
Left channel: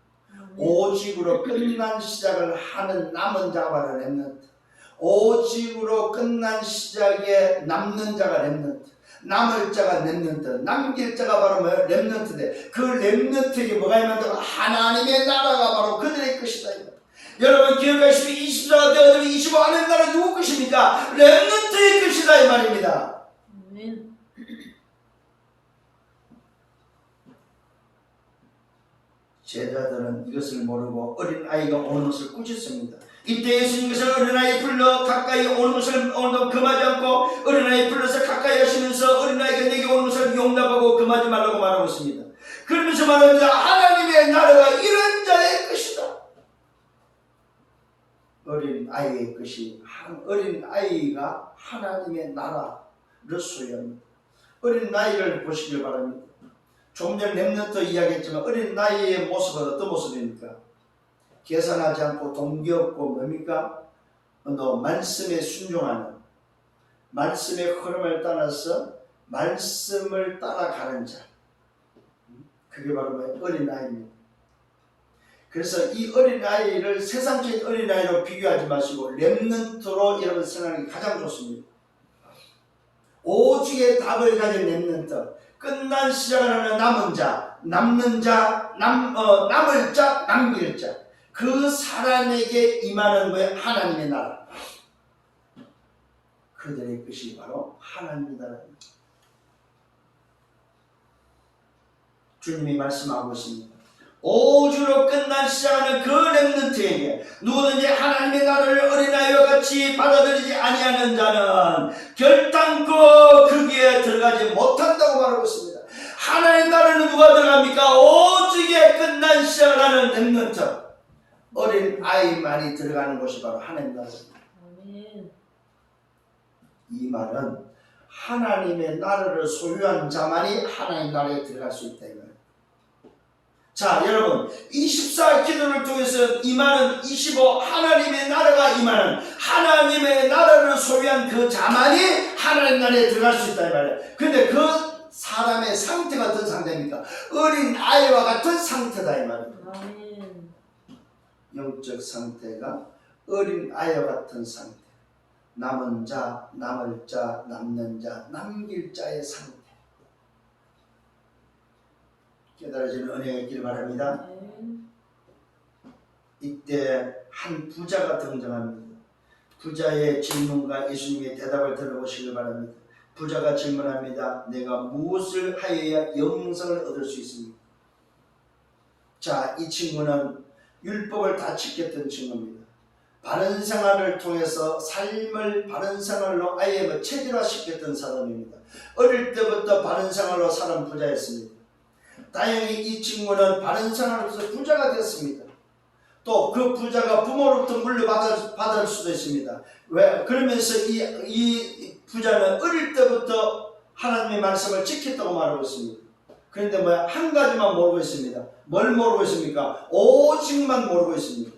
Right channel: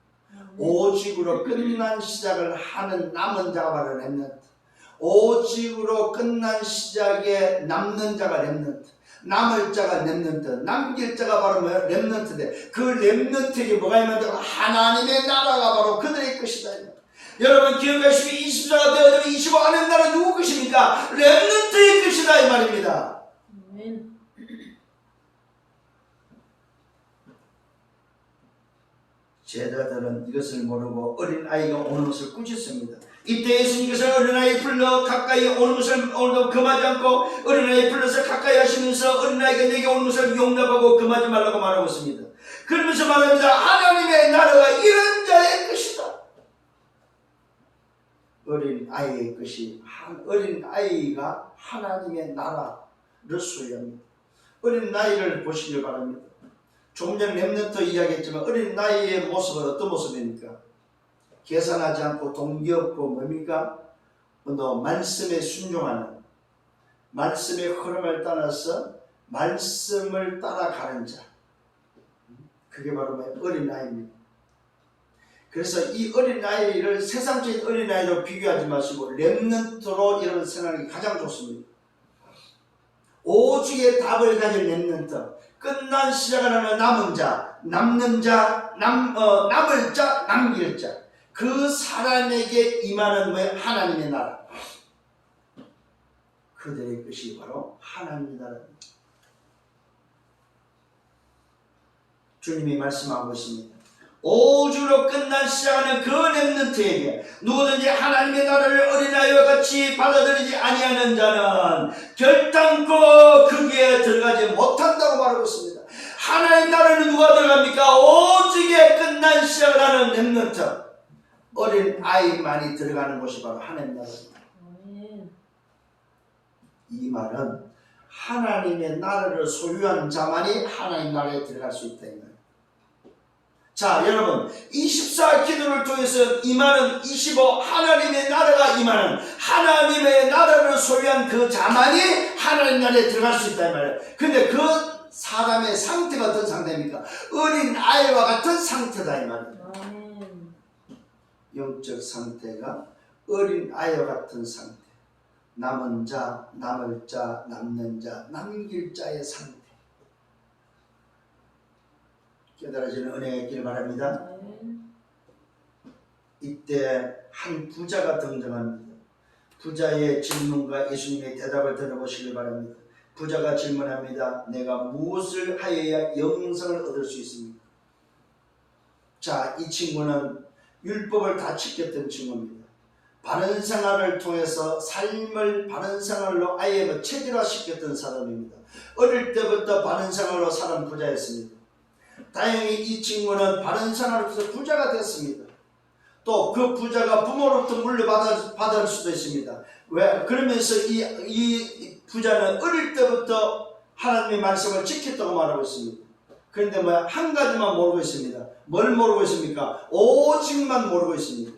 오직으로 끝난 시작을 하는 남은 자가 바로 렘넌트. 오직으로 끝난 시작에 남는 자가 렘넌트. 남을 자가 렘넌트. 남길 자가 바로 뭐예요? 렘넌트인데 그 렘넌트에게 뭐가 있는가? 하나님의 나라가 바로 그들의 것이다. 여러분 기억하시면 24가 되어지면 25 하나님 나라 누구 것입니까? 렘넌트의 것이다 이 말입니다. 아멘. 제자들은 이것을 모르고 어린아이가 오는 것을 꾸짖습니다. 이때 예수님께서 어린아이 불러 가까이 오는 것을 오늘도 금하지 않고 어린아이 불러서 가까이 하시면서 어린아이가 내게 오는 것을 용납하고 금하지 말라고 말하고 있습니다. 그러면서 말합니다. 하나님의 나라가 이런 자의 것이다. 어린아이의 것이 어린아이가 하나님의 나라를 소유합니다. 어린아이를 보시길 바랍니다. 조금 전에 렘넌트 이야기했지만 어린 나이의 모습은 어떤 모습입니까? 계산하지 않고 동기 없고 뭡니까? 말씀에 순종하는 말씀의 흐름을 따라서 말씀을 따라가는 자. 그게 바로 어린아이입니다. 그래서 이 어린아이를 세상적인 어린아이로 비교하지 마시고 렘넌트로 여러분 생각하기 가장 좋습니다. 오직의 답을 가진 렘넌트. 끝난 시작을 하는 남은 자, 남는 자, 남을 자, 남길 자. 그 사람에게 임하는 거에 하나님의 나라. 그들의 것이 바로 하나님의 나라입니다. 주님이 말씀하고 있습니다. 오주로 끝난 시작하는 그 렘넌트에게 누구든지 하나님의 나라를 어린아이와 같이 받아들이지 아니하는 자는 결단코 거기에 들어가지 못한다고 말하고 있습니다. 하나님의 나라는 누가 들어갑니까? 오직에 끝난 시작을 하는 렘넌트 어린아이만이 들어가는 곳이 바로 하나님의 나라입니다. 이 말은 하나님의 나라를 소유한 자만이 하나님의 나라에 들어갈 수 있다. 자, 여러분 24 기도를 통해서 임하는 25 하나님의 나라가 임하는 하나님의 나라를 소유한 그 자만이 하나님 나라에 들어갈 수 있다 이 말이에요. 근데 그 사람의 상태가 어떤 상태입니까? 어린 아이와 같은 상태다 이 말입니다. 영적 상태가 어린 아이와 같은 상태. 남은 자, 남을 자, 남는 자, 남길 자의 상태. 깨달아지는 은혜가 있기를 바랍니다. 이때 한 부자가 등장합니다. 부자의 질문과 예수님의 대답을 들어보시길 바랍니다. 부자가 질문합니다. 내가 무엇을 하여야 영생을 얻을 수 있습니까? 자, 이 친구는 율법을 다 지켰던 친구입니다. 바른 생활을 통해서 삶을 바른 생활로 아예 체질화시켰던 사람입니다. 어릴 때부터 바른 생활로 사는 부자였습니다. 다행히 이 친구는 바른 생활로서 부자가 됐습니다. 또 그 부자가 부모로부터 물려받을 수도 있습니다. 왜? 그러면서 이 부자는 어릴 때부터 하나님의 말씀을 지켰다고 말하고 있습니다. 그런데 한 가지만 모르고 있습니다. 뭘 모르고 있습니까? 오직만 모르고 있습니다.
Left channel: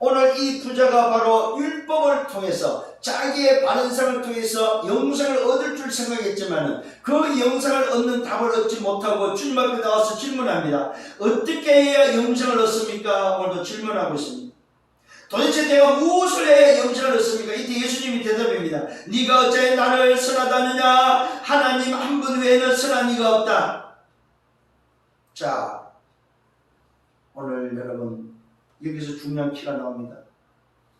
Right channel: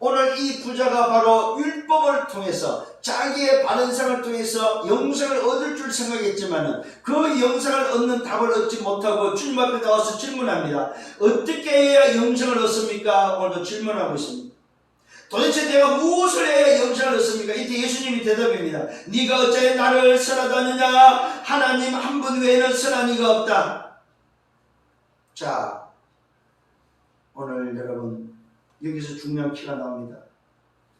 오늘 이 부자가 바로 율법을 통해서 자기의 바른 생활을 통해서 영생을 얻을 줄 생각했지만 그 영생을 얻는 답을 얻지 못하고 주님 앞에 나와서 질문합니다. 어떻게 해야 영생을 얻습니까? 오늘도 질문하고 있습니다. 도대체 내가 무엇을 해야 영생을 얻습니까? 이때 예수님이 대답합니다. 네가 어째 나를 선하다느냐? 하나님 한 분 외에는 선한 이가 없다. 자, 오늘 여러분 여기서 중요한 키가 나옵니다.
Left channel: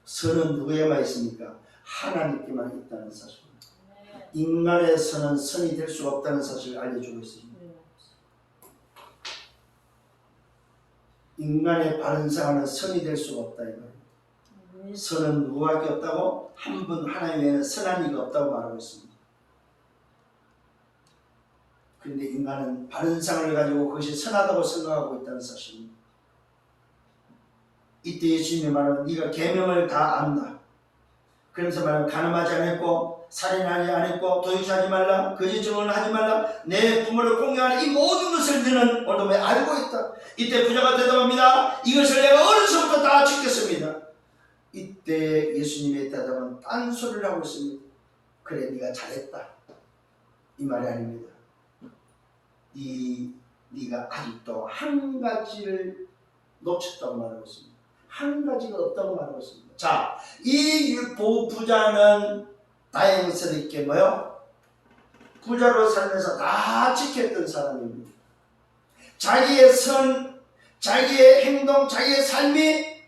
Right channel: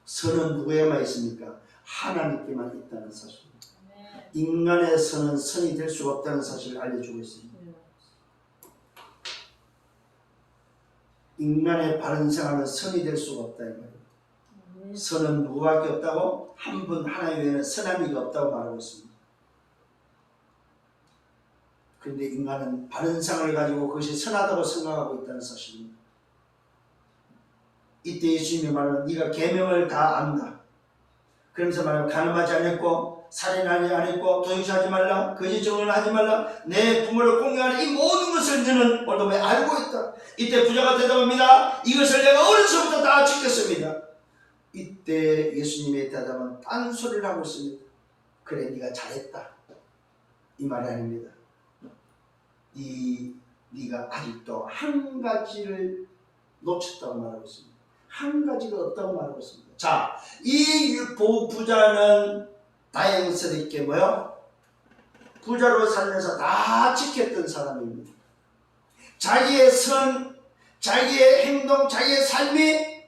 선은 누구에만 있습니까? 하나님께만 있다는 사실입니다. 인간의 선은 선이 될 수가 없다는 사실을 알려주고 있습니다. 인간의 바른 생활은 선이 될 수가 없다 이 말이에요. 선은 누구밖에 없다고? 한 분 하나님 외에는 선한 이가 없다고 말하고 있습니다. 그런데 인간은 바른 생활을 가지고 그것이 선하다고 생각하고 있다는 사실입니다. 이때 예수님이 말하는 네가 계명을 다 안다. 그러면서 말하면 간음하지 않았고 살인하지 않았고 도둑질하지 말라 거짓 증언을 하지 말라 내 부모를 공경하는 이 모든 것을 너는 오늘 알고 있다. 이때 부자가 대답합니다. 이것을 내가 어려서부터 다 지켰습니다. 이때 예수님의 대답은 딴소리를 하고 있습니다. 그래 네가 잘했다 이 말이 아닙니다. 네가 아직도 한 가지를 놓쳤다고 말하고 있습니다. 한 가지가 없다고 말하고 있습니다. 자, 이 부자는 다행스럽게 부자로 살면서 다 지켰던 사람입니다. 자기의 선, 자기의 행동, 자기의 삶이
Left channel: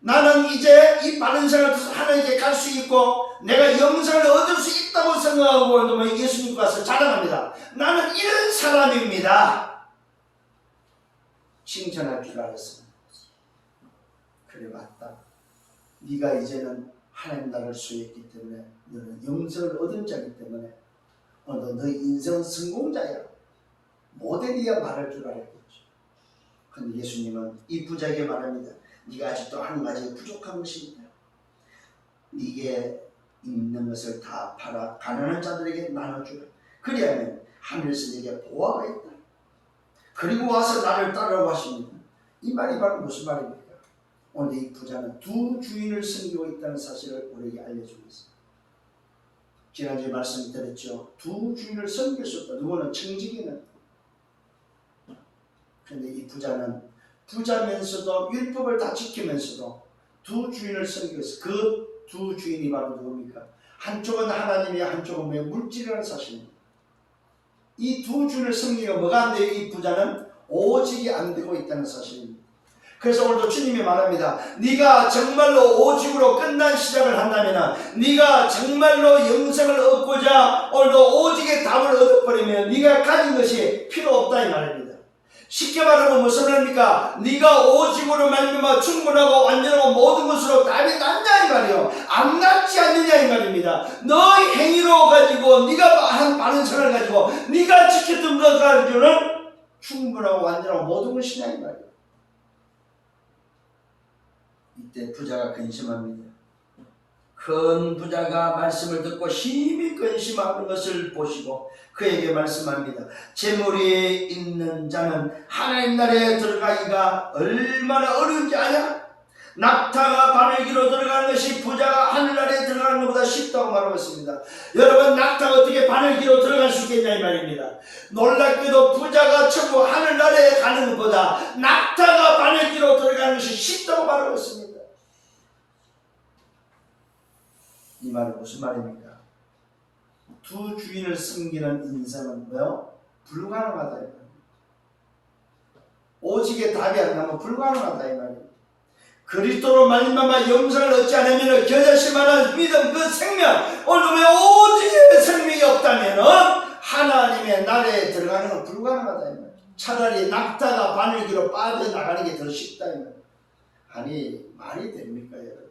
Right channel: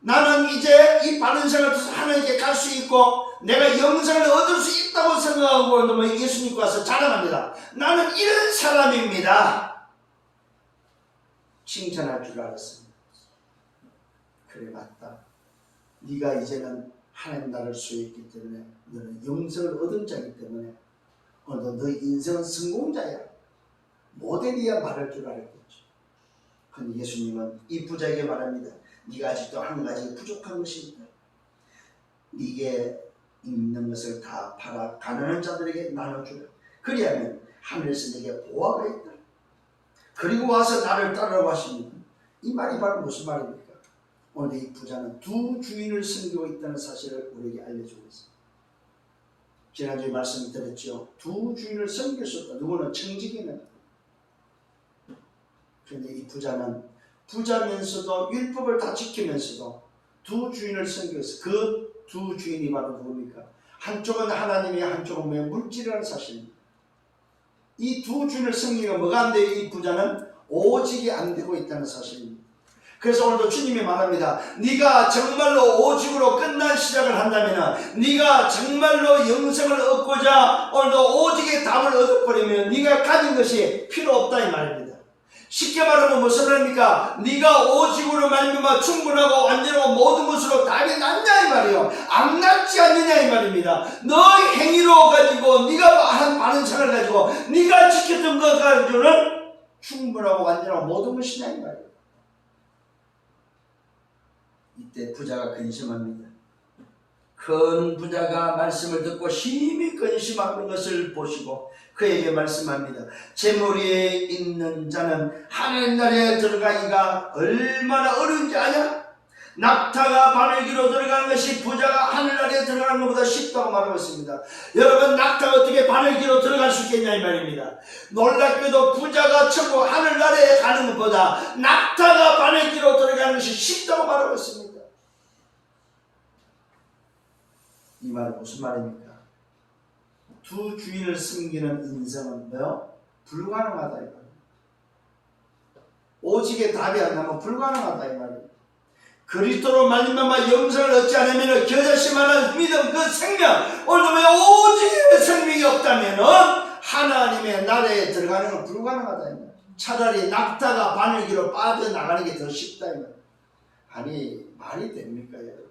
나는 이제 이 바른 생활을 통해서 하나님께 갈 수 있고 내가 영생을 얻을 수 있다고 생각하고 예수님께 와서 자랑합니다. 나는 이런 사람입니다. 칭찬할 줄 알았습니다. 그래 맞다. 네가 이제는 하나님 나라를 소유했기 때문에 너는 영생을 얻은 자이기 때문에 오늘도 너의 인생은 성공자야. 모델이야 말할 줄 알았겠죠. 그런데 예수님은 이 부자에게 말합니다. 네가 아직도 한 가지 부족한 것이 있다. 네게 있는 것을 다 팔아 가난한 자들에게 나눠주라. 그리하면 하늘에서 네게 보화가 있다. 그리고 와서 나를 따르라고 하십니다. 이 말이 바로 무슨 말입니까? 오늘 이 부자는 두 주인을 섬기고 있다는 사실을 우리에게 알려주고 있습니다. 지난주에 말씀드렸죠. 두 주인을 섬길 수 없다. 누구는 청지기는. 그런데 이 부자는 부자면서도 율법을 다 지키면서도 두 주인을 섬기고 있어요. 그 두 주인이 바로 누굽니까? 한쪽은 하나님이 한쪽은 물질이라는 사실입니다. 이 두 주인을 섬기가 뭐가 안 돼요? 이 부자는 오직이 안 되고 있다는 사실입니다. 그래서 오늘도 주님이 말합니다. 네가 정말로 오직으로 끝난 시작을 한다면 네가 정말로 영생을 얻고자 오늘도 오직의 답을 얻어버리면 네가 가진 것이 필요 없다 이 말입니다. 쉽게 말하면 무슨 말입니까? 네가 오직으로 말미암아 충분하고 완전하고 모든 것으로 답이 났냐 이 말이에요. 안 났지 않느냐 이 말입니다. 너의 행위로 가지고 네가 한 바른 생활을 가지고 네가 지켰던 것 가지고는 충분하고 완전하고 모든 것이냐 이 말이에요. 이때 부자가 근심합니다. 큰 부자가 말씀을 듣고 심히 근심하는 것을 보시고 그에게 말씀합니다. 재물이 있는 자는 하나님 나라에 들어가기가 얼마나 어려운지 아냐? 낙타가 바늘기로 들어가는 것이 부자가 하늘나라에 들어가는 것보다 쉽다고 말하고 있습니다. 여러분 낙타가 어떻게 바늘기로 들어갈 수 있겠냐 이 말입니다. 놀랍게도 부자가 천국 하늘나라에 가는 것보다 낙타가 바늘기로 들어가는 것이 쉽다고 말하고 있습니다. 이 말은 무슨 말입니까? 두 주인을 섬기는 인생은 불가능하다 이 말입니다. 오직의 답이 안 나면 불가능하다 이 말입니다. 그리스도로 말미암아 영생을 얻지 않으면 겨자씨만한 믿음 그 생명 오늘 오직의 생명이 없다면 하나님의 나라에 들어가는 건 불가능하다 이 말입니다. 차라리 낙타가 바늘기로 빠져나가는 게 더 쉽다 이 말입니다. 아니 말이 됩니까 여러분?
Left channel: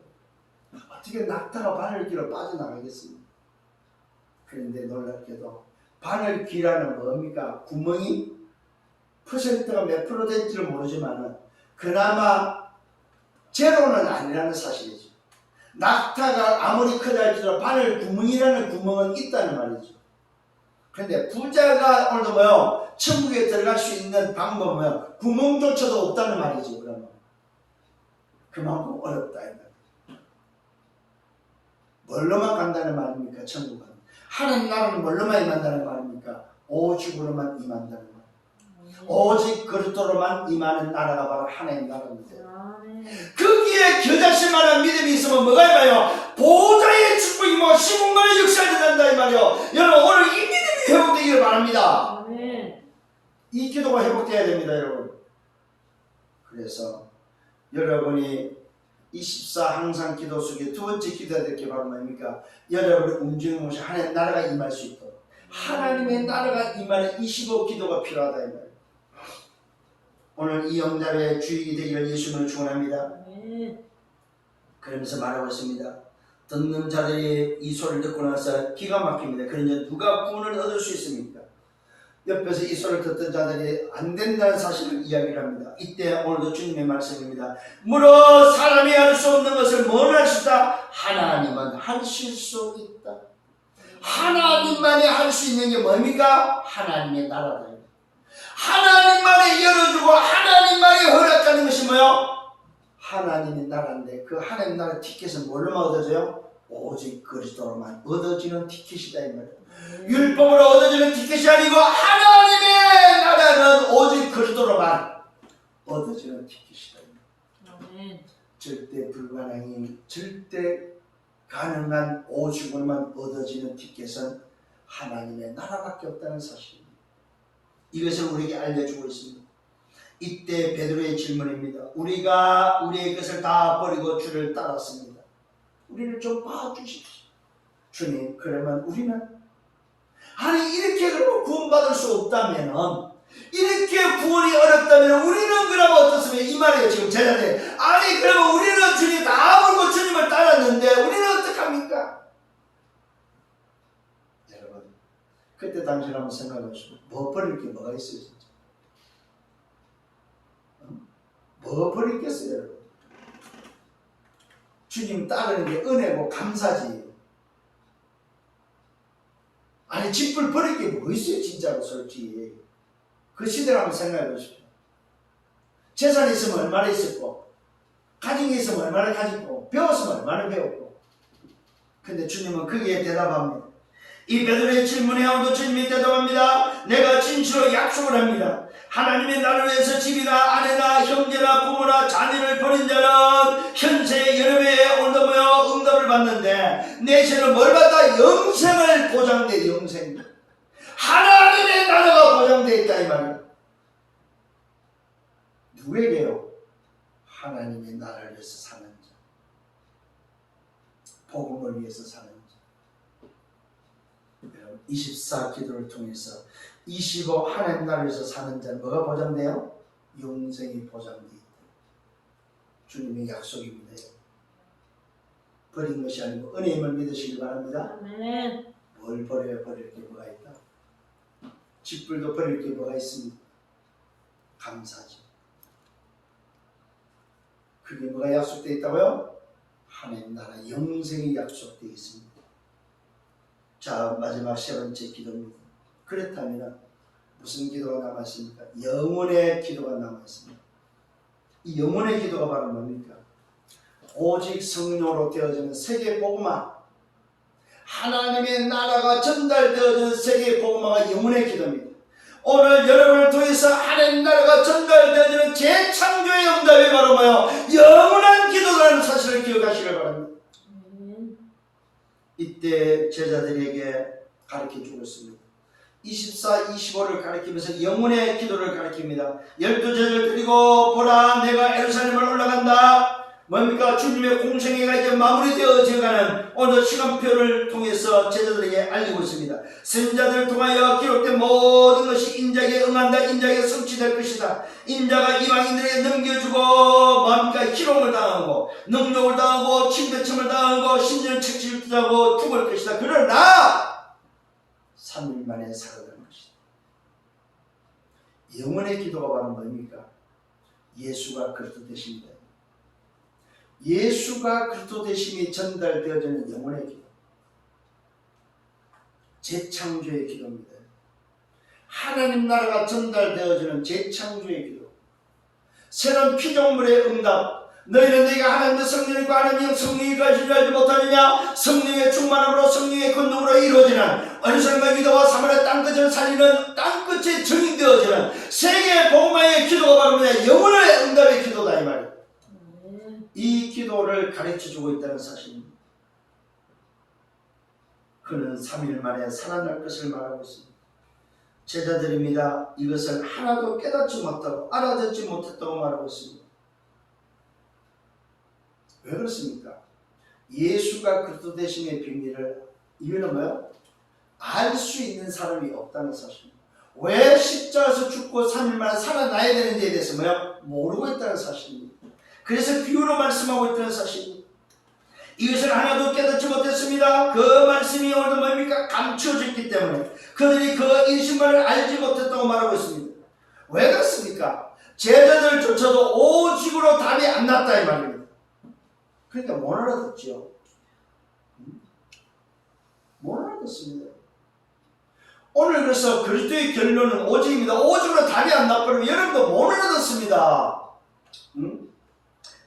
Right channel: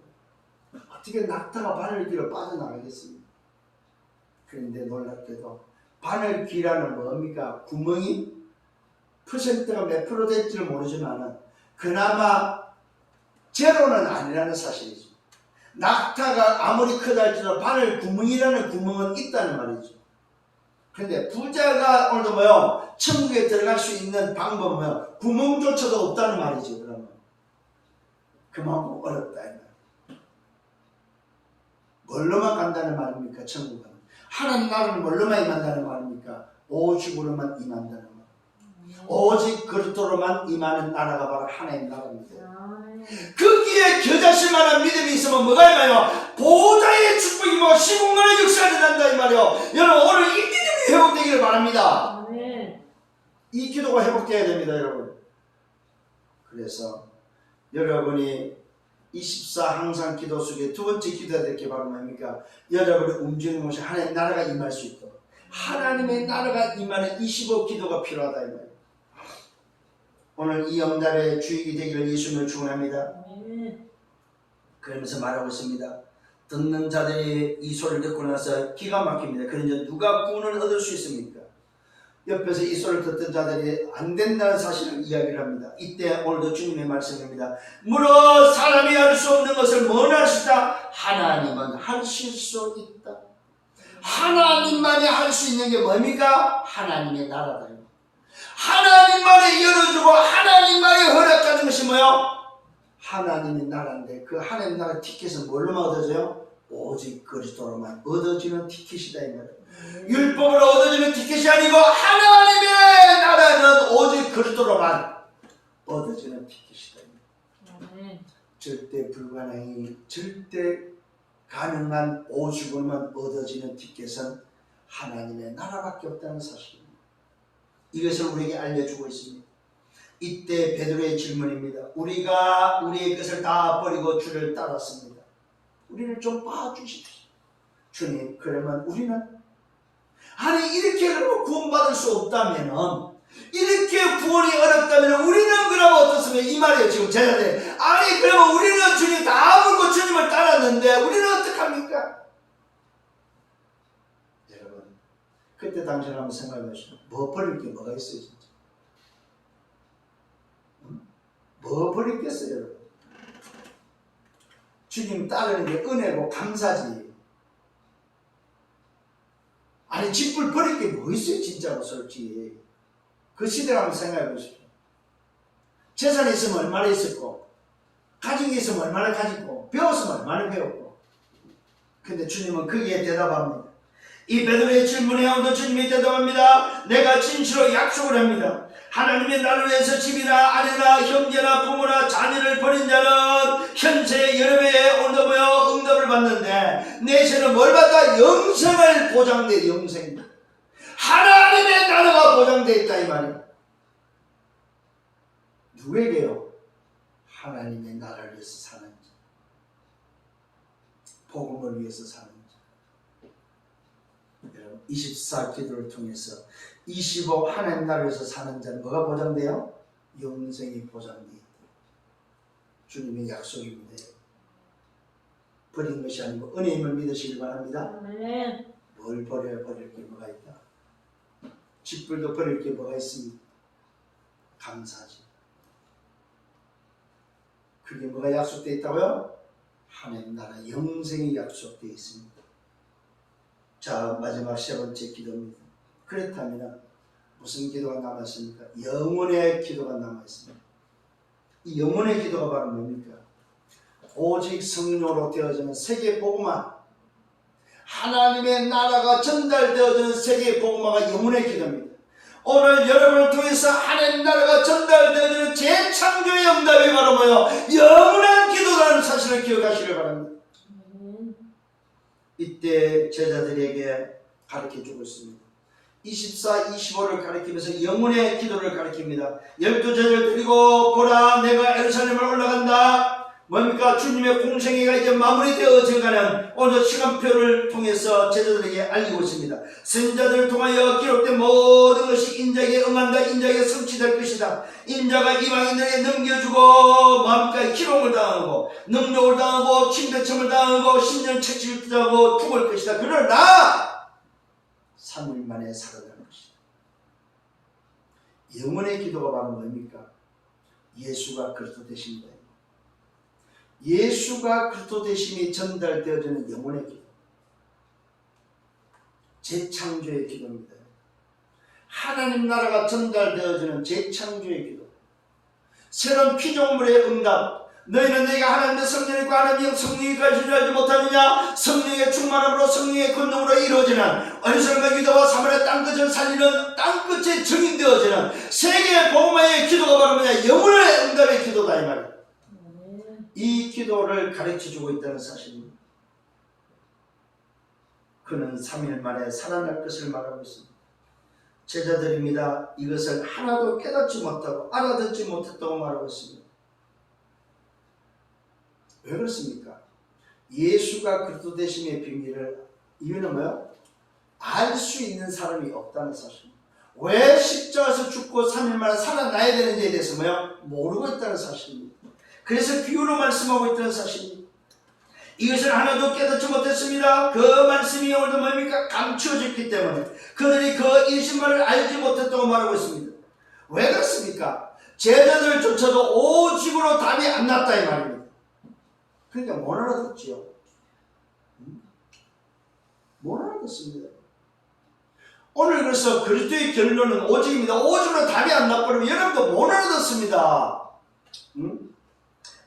어떻게 낙타가 바늘귀로 빠져나가겠습니까? 그런데 놀랍게도 바늘귀라는 뭡니까? 구멍이 퍼센트가 몇 프로 될지는 모르지만 그나마 제로는 아니라는 사실이죠. 낙타가 아무리 크다 할지라도 바늘 구멍이라는 구멍은 있다는 말이죠. 그런데 부자가 오늘도 뭐요? 천국에 들어갈 수 있는 방법은 구멍조차도 없다는 말이죠. 그러면 그만큼 어렵다 이 말이에요. 뭘로만 간다는 말입니까? 천국은 하나님 나라는 뭘로만 임한다는 말입니까? 오직으로만 임한다는 말. 오직 그리스도로만 임하는 나라가 바로 하나님 나라입니다. 거기에 겨자실 만한 믿음이 있으면 뭐가 임해요? 보좌의 축복이 뭐 시공간의 역사를 난다 이 말이에요. 여러분 오늘 이 믿음이 회복되기를 바랍니다. 이 기도가 회복되어야 됩니다 여러분. 그래서 여러분이 24 항상 기도 속에 두 번째 기도해야 될 게 바로 뭡니까? 여러분이 움직이는 곳이 하나님 나라가 임할 수 있도록 하나님의 나라가 임하는 25 기도가 필요하다 이 말이에요. 오늘 이 영답의 주일이 되기를 예수님을 축원합니다. 그러면서 말하고 있습니다. 듣는 자들이 이 소리를 듣고 나서 기가 막힙니다. 그러니 누가 구원을 얻을 수 있습니까? 옆에서 이 소리를 듣던 자들이 안 된다는 사실을 이야기를 합니다. 이때 오늘도 주님의 말씀입니다. 물어 사람이 할 수 없는 것을 뭘 할 수 있다? 하나님은 하실 수 있다. 하나님만이 할 수 있는 게 뭡니까? 하나님의 나라다. 하나님만이 열어주고 하나님만이 허락하는 것이 뭐요? 하나님의 나라인데 그 하나님 나라 티켓은 뭘로만 얻어져요? 오직 그리스도로만 얻어지는 티켓이다 이 말이에요. 율법으로 얻어지는 티켓이 아니고 하나님의 나라는 오직 그리스도로만 얻어지는 티켓이다. 절대 불가능이 절대 가능한 오직으로만 얻어지는 티켓은 하나님의 나라밖에 없다는 사실입니다. 이것을 우리에게 알려주고 있습니다. 이때 베드로의 질문입니다. 우리가 우리의 것을 다 버리고 주를 따랐습니다. 우리를 좀 봐주십시오. 주님, 그러면 우리는 아니 이렇게 구원받을 수 없다면 이렇게 구원이 어렵다면 우리는 그러면 어떻습니까? 이 말이에요 지금 제자들. 아니 그러면 우리는 주님 다 버리고 주님을 따랐는데 우리는 어떡합니까? 여러분 그때 당신 한번 생각해 보시죠. 뭐 버릴 게 뭐가 있어요 진짜? 뭐 버리겠어요 여러분? 주님 따르는 게 은혜고 감사지. 아니 집을 버릴 게 뭐 있어요 진짜로 솔직히. 그 시대를 한번 생각해 보십시오. 재산이 있으면 얼마나 있었고 가정이 있으면 얼마나 가졌고 배웠으면 얼마나 배웠고. 근데 주님은 거기에 대답합니다. 이 베드로의 질문에 오늘 주님이 대답합니다. 내가 진실로 약속을 합니다. 하나님의 나를 위해서 집이나 아내나 형제나 부모나 자녀를 버린 자는 현세 여러 배에 오늘도 모여 응답을 받는데 내세는 뭘 받다? 영생을 보장돼. 영생. 하나님의 나라가 보장되어 있다 이 말이에요. 누구에게요? 하나님의 나라를 위해서 사는 자, 복음을 위해서 사는 자. 24 기도를 통해서 25 하나님 나라를 위해서 사는 자는 뭐가 보장돼요? 영생이 보장되어 있다. 주님의 약속입니다. 버린 것이 아니고 은혜임을 믿으시길 바랍니다. 아멘. 뭘 버려야 버릴 게 뭐가 있다? 집불도 버릴 게 뭐가 있습니까? 감사지. 그게 뭐가 약속되어 있다고요? 하나님 나라 영생이 약속되어 있습니다. 자, 마지막 세 번째 기도입니다. 그렇다면 무슨 기도가 남았습니까? 영혼의 기도가 남아있습니다. 이 영혼의 기도가 바로 뭡니까? 오직 성령으로 되어지는 세계 복음화, 하나님의 나라가 전달되어지는 세계 복음화가 영혼의 기도입니다. 오늘 여러분을 통해서 하나님 나라가 전달되어지는 재창조의 응답이 바로 뭐예요? 영원한 기도라는 사실을 기억하시길 바랍니다. 이때 제자들에게 가르쳐주고 있습니다. 24, 25를 가리키면서 영혼의 기도를 가리킵니다. 12제자를 드리고 보라 내가 예루살렘을 올라간다. 뭡니까? 주님의 공생애가 이제 마무리되어져가는 오늘 시간표를 통해서 제자들에게 알리고 있습니다. 선지자들을 통하여 기록된 모든 것이 인자에게 응한다. 인자에게 성취될 것이다. 인자가 이방인들에게 넘겨주고 뭡니까? 희롱을 당하고 능욕을 당하고 침배점을 당하고 신년책치를 당하고 죽을 것이다. 그러나 3일 만에 살아날 것이다. 영혼의 기도가 바로 뭡니까? 예수가 그리스도 되십니다. 예수가 그리스도 되심이 전달되어지는 영혼의 기도, 재창조의 기도입니다. 하나님 나라가 전달되어지는 재창조의 기도, 새로운 피조물의 응답. 너희는 내가 하나님의 성령이 있고 하나님의 성령이 가진 줄 알지 못하느냐? 성령의 충만함으로 성령의 권능으로 이루어지는 어리석은 기도와 사물의 땅끝을 살리는 땅끝에 정인되어지는 세계 복음화의 기도가 바로 뭐냐? 영혼의 응답의 기도다 이 말이에요. 이 기도를 가르쳐주고 있다는 사실입니다. 그는 3일 만에 살아날 것을 말하고 있습니다. 제자들입니다. 이것을 하나도 깨닫지 못하고 알아듣지 못했다고 말하고 있습니다. 왜 그렇습니까? 예수가 그리스도 되심의 비밀을, 이유는 뭐예요? 알 수 있는 사람이 없다는 사실입니다. 왜 십자가에서 죽고 3일 만에 살아나야 되는지에 대해서 뭐예요? 모르고 있다는 사실입니다. 그래서 비유로 말씀하고 있다는 사실입니다. 이것을 하나도 깨닫지 못했습니다. 그 말씀이 오늘도 뭡니까? 감추어졌기 때문에 그들이 그 인신만을 알지 못했다고 말하고 있습니다. 왜 그렇습니까? 제자들조차도 오직으로 답이 안 났다 이 말입니다. 그러니까 못 알아듣죠. 못 알아듣습니다. 오늘 그래서 그리스도의 결론은 오직입니다. 오직으로 답이 안 났거든요. 여러분도 못 알아듣습니다.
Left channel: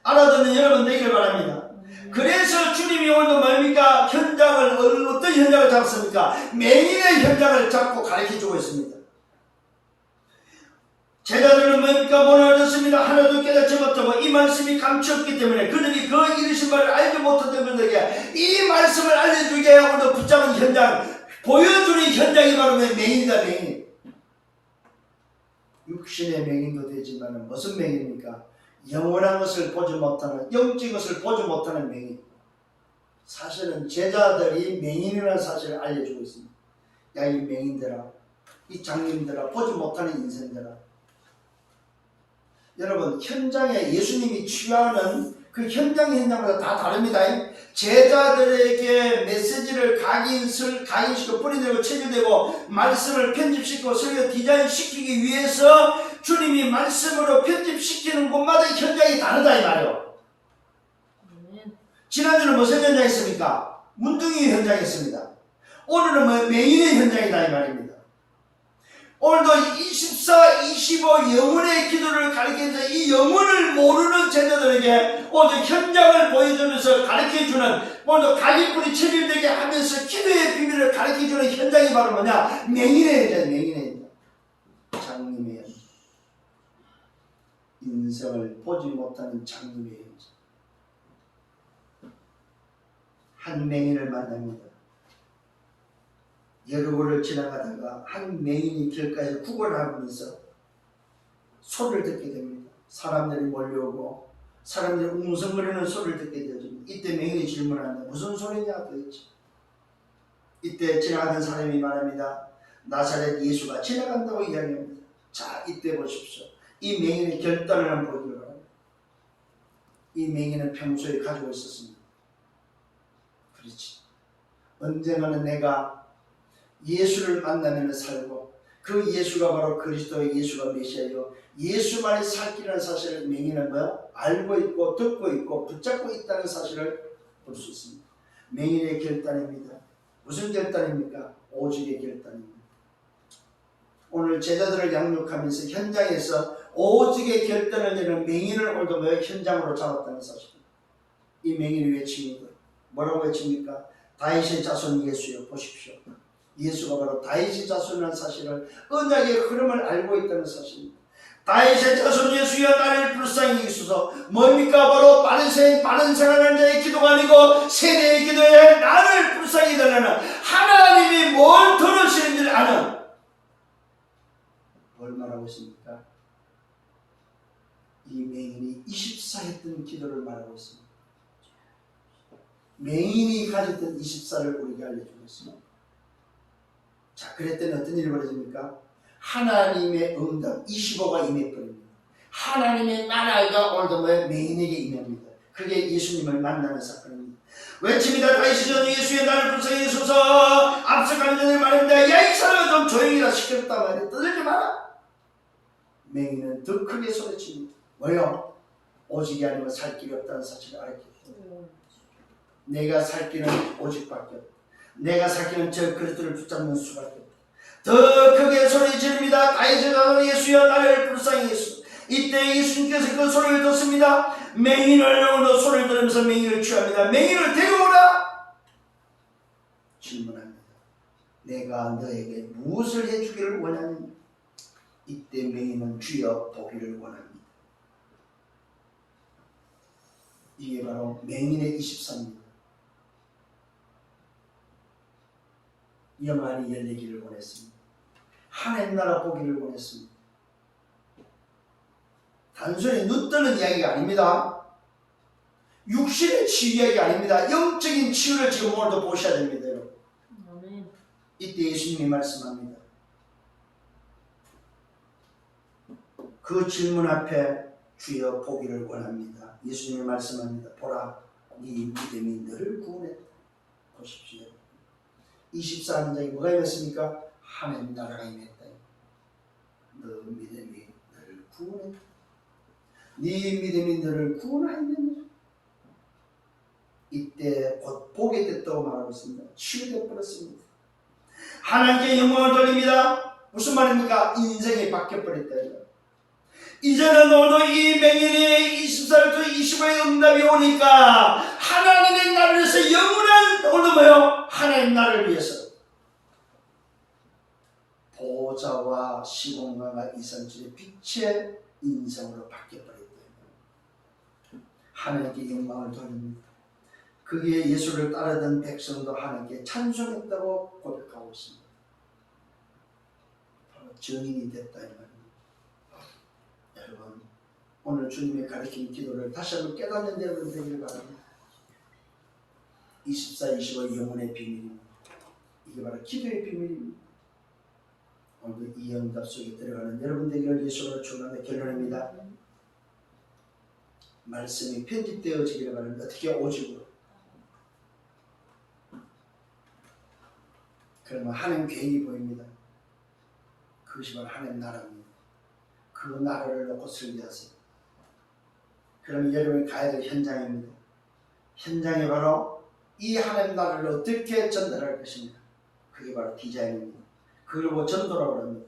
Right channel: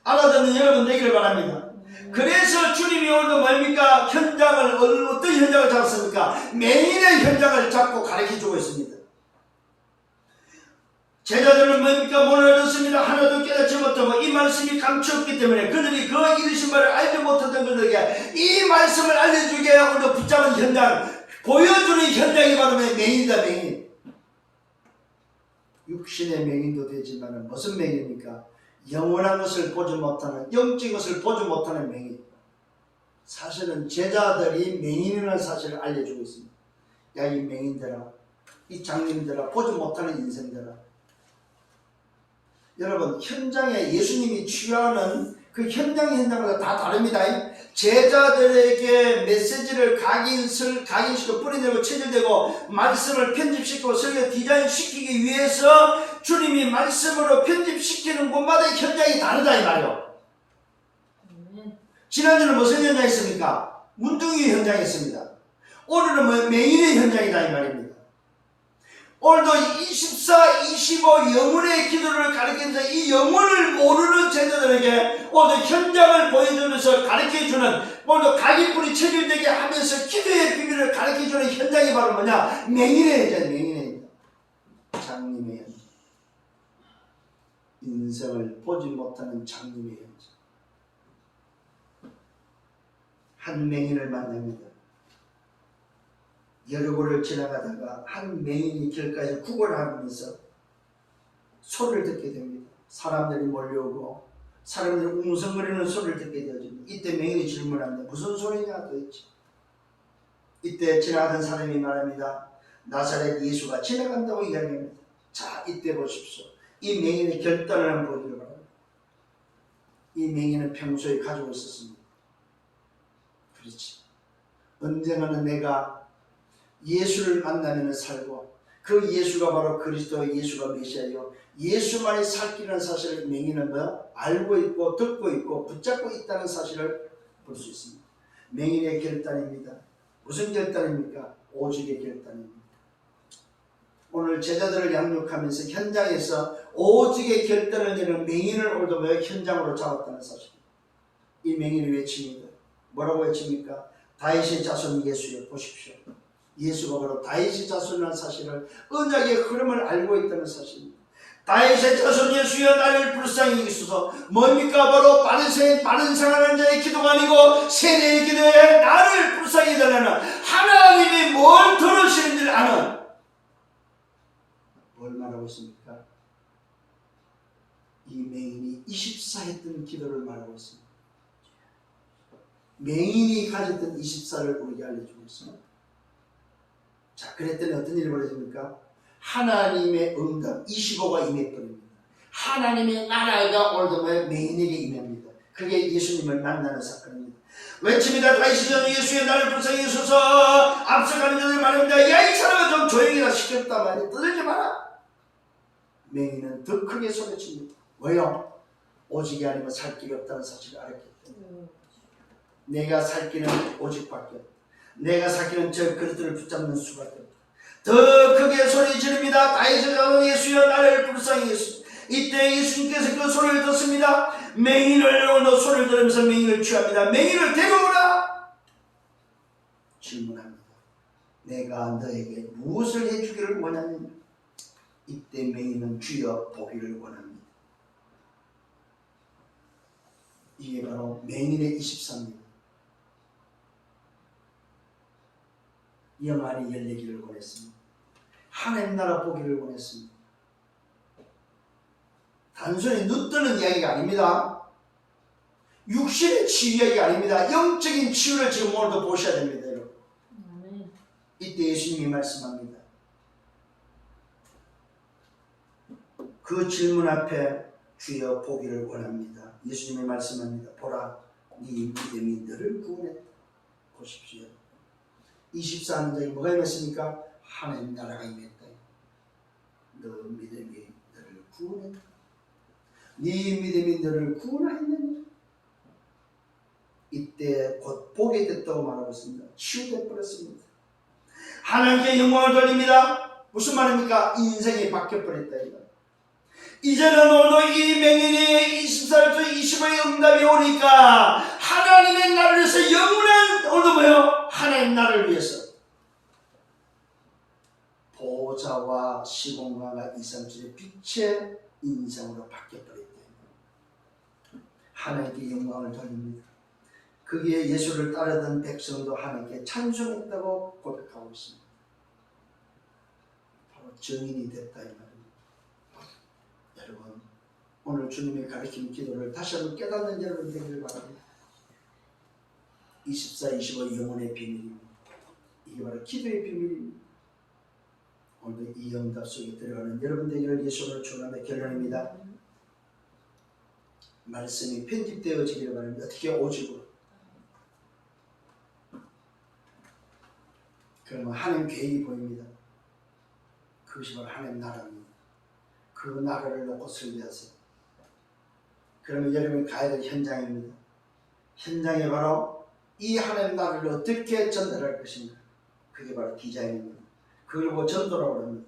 알아듣는 여러분 되기를 바랍니다. 그래서 주님이 오늘도 뭡니까? 현장을, 어떤 현장을 잡았습니까? 맹인의 현장을 잡고 가르쳐주고 있습니다. 제자들은 뭡니까? 못 알아듣습니다. 하나도 깨닫지 못하고 이 말씀이 감추었기 때문에 그들이 그 이르신 바를 알지 못하던 그들에게 이 말씀을 알려주게 하고 붙잡은 현장, 보여주는 현장이 바로 맹인이다. 맹인. 육신의 맹인도 되지만 무슨 맹인입니까? 영원한 것을 보지 못하는, 영적인 것을 보지 못하는 맹인. 사실은 제자들이 맹인이라는 사실을 알려주고 있습니다. 야, 이 맹인들아, 이 장님들아, 보지 못하는 인생들아. 여러분, 현장에 예수님이 취하는 그 현장마다 다 다릅니다. 제자들에게 메시지를 각인시키고 뿌리내고 체결되고 말씀을 편집시키고 설교 디자인시키기 위해서 주님이 말씀으로 편집시키는 곳마다 현장이 다르다 이 말이에요. 지난주는 무슨 현장이었습니까? 문둥이 현장이었습니다. 오늘은 맹인의 현장이다 이 말입니다. 오늘도 24, 25 영혼의 기도를 가르치면서 이 영혼을 모르는 제자들에게 오늘도 현장을 보여주면서 가르쳐주는, 오늘도 각인뿌리 체질되게 하면서 기도의 비밀을 가르쳐주는 현장이 바로 뭐냐? 맹인의 현장, 맹인의 현장. 장님의 현장. 인생을 보지 못하는 장님의 현장. 한 맹인을 만납니다. 여러 곳을 지나가다가 한 맹인이 길가에 구걸을 하면서 소리를 듣게 됩니다. 사람들이 몰려오고 사람들이 웅성거리는 소리를 듣게 되어집니다. 이때 맹인이 질문합니다. 무슨 소리냐 도대체. 이때 지나가던 사람이 말합니다. 나사렛 예수가 지나간다고 이야기합니다. 자, 이때 보십시오. 이 맹인의 결단을 보기를 바랍니다. 이 맹인은 평소에 가지고 있었습니다. 그렇지. 언젠가는 내가 예수를 만나면 살고 그 예수가 바로 그리스도의 예수가 메시아요. 예수만이 살 길이라는 사실을 맹인은 알고 있고 듣고 있고 붙잡고 있다는 사실을 볼 수 있습니다. 맹인의 결단입니다. 무슨 결단입니까? 오직의 결단입니다. 오늘 제자들을 양육하면서 현장에서 오직의 결단을 내는 맹인을 오늘도 현장으로 잡았다는 사실입니다. 이 맹인을 외칩니다. 뭐라고 외칩니까? 다윗의 자손 예수여 보십시오. 예수가 바로 다윗의 자손이라는 사실을, 언약의 흐름을 알고 있다는 사실입니다. 다윗의 자손 예수여 나를 불쌍히 여기소서. 뭡니까? 바로 바른 생활하는 자의 기도가 아니고 세대의 기도에 나를 불쌍히 해달라는 하나님이 뭘 들으시는지를 아는, 뭘 말하고 있습니까? 이 맹인이 24했던 기도를 말하고 있습니다. 맹인이 가졌던 24를 우리에게 알려주고 있습니다. 자, 그랬더니 어떤 일이 벌어집니까? 하나님의 응답 25가 임해버립니다. 하나님의 나라가 올드모의 맹인에게 임합니다. 그게 예수님을 만나는 사건입니다. 외칩니다. 다시 예수의 나를 불쌍히 여소서. 앞서가는 자들 말합니다. 야, 이 사람아 좀 조용히 가 시켰단 말이야. 떠들지 마라. 맹인은 더 크게 소리칩니다. 뭐요? 오직이 아니면 살 길이 없다는 사실을 알았기 때문에. 내가 살 길은 오직밖에 없다. 내가 살 길은 저 그리스도를 붙잡는 수밖에 없다. 더 크게 소리 지릅니다. 다윗의 자손 예수여 나를 불쌍히 여소서. 이때 예수님께서 그 소리를 듣습니다. 맹인을 소리를 들으면서 맹인을 취합니다. 맹인을 데려오라. 질문합니다. 내가 너에게 무엇을 해주기를 원하느냐? 이때 맹인은 주여 보기를 원합니다. 이게 바로 맹인의 24입니다. 영안이 열리기를 원했습니다. 하나님 나라 보기를 원했습니다. 단순히 눈 뜨는 이야기가 아닙니다. 육신의 치유 이야기가 아닙니다. 영적인 치유를 지금 오늘도 보셔야 됩니다. 여러분. 아멘. 이때 예수님이 말씀합니다. 그 질문 앞에 주여 보기를 원합니다. 예수님이 말씀합니다. 보라, 네 믿음이 너를 구원했다. 보십시오. 24는 자에 뭐가 임했습니까? 하나님 나라가 임했다. 너 믿음이 너를 구원했다. 네 믿음이 너를 구원하였느냐? 이때 곧 보게 됐다고 말하고 있습니다. 치유돼 버렸습니다. 하나님께 영광을 돌립니다. 무슨 말입니까? 인생이 바뀌어버렸다. 이제는 오늘 이 맹인이 24부터 25의 응답이 오니까 하나님의 나라를 위해서 영원한 오늘도 뭐요? 하나님 나라를 위해서 보좌와 시공간과 이산줄의 빛의 인생으로 바뀌어버렸다. 하나님께 영광을 돌립니다. 그게 예수를 따르던 백성도 하나님께 찬송했다고 고백하고 있습니다. 바로 증인이 됐다 이 말입니다. 여러분, 오늘 주님의 가르친 기도를 다시 한번 깨닫는 여러분 되기를 바랍니다. 24, 25 영혼의 비밀입니다. 이게 바로 기도의 비밀입니다. 오늘도 이 응답 속에 들어가는 여러분 되기를 예수로 축원하며 결론입니다. 말씀이 편집되어지기를 바랍니다. 어떻게 오직으로? 그러면 하나님 계획이 보입니다. 그것이 바로 하나님 나라입니다. 그 나라를 놓고 설계하세요. 그러면 여러분이 가야 될 현장입니다. 현장이 바로 이 하나님 나라를 어떻게 전달할 것인가. 그게 바로 디자인입니다. 그리고 전도라고 합니다.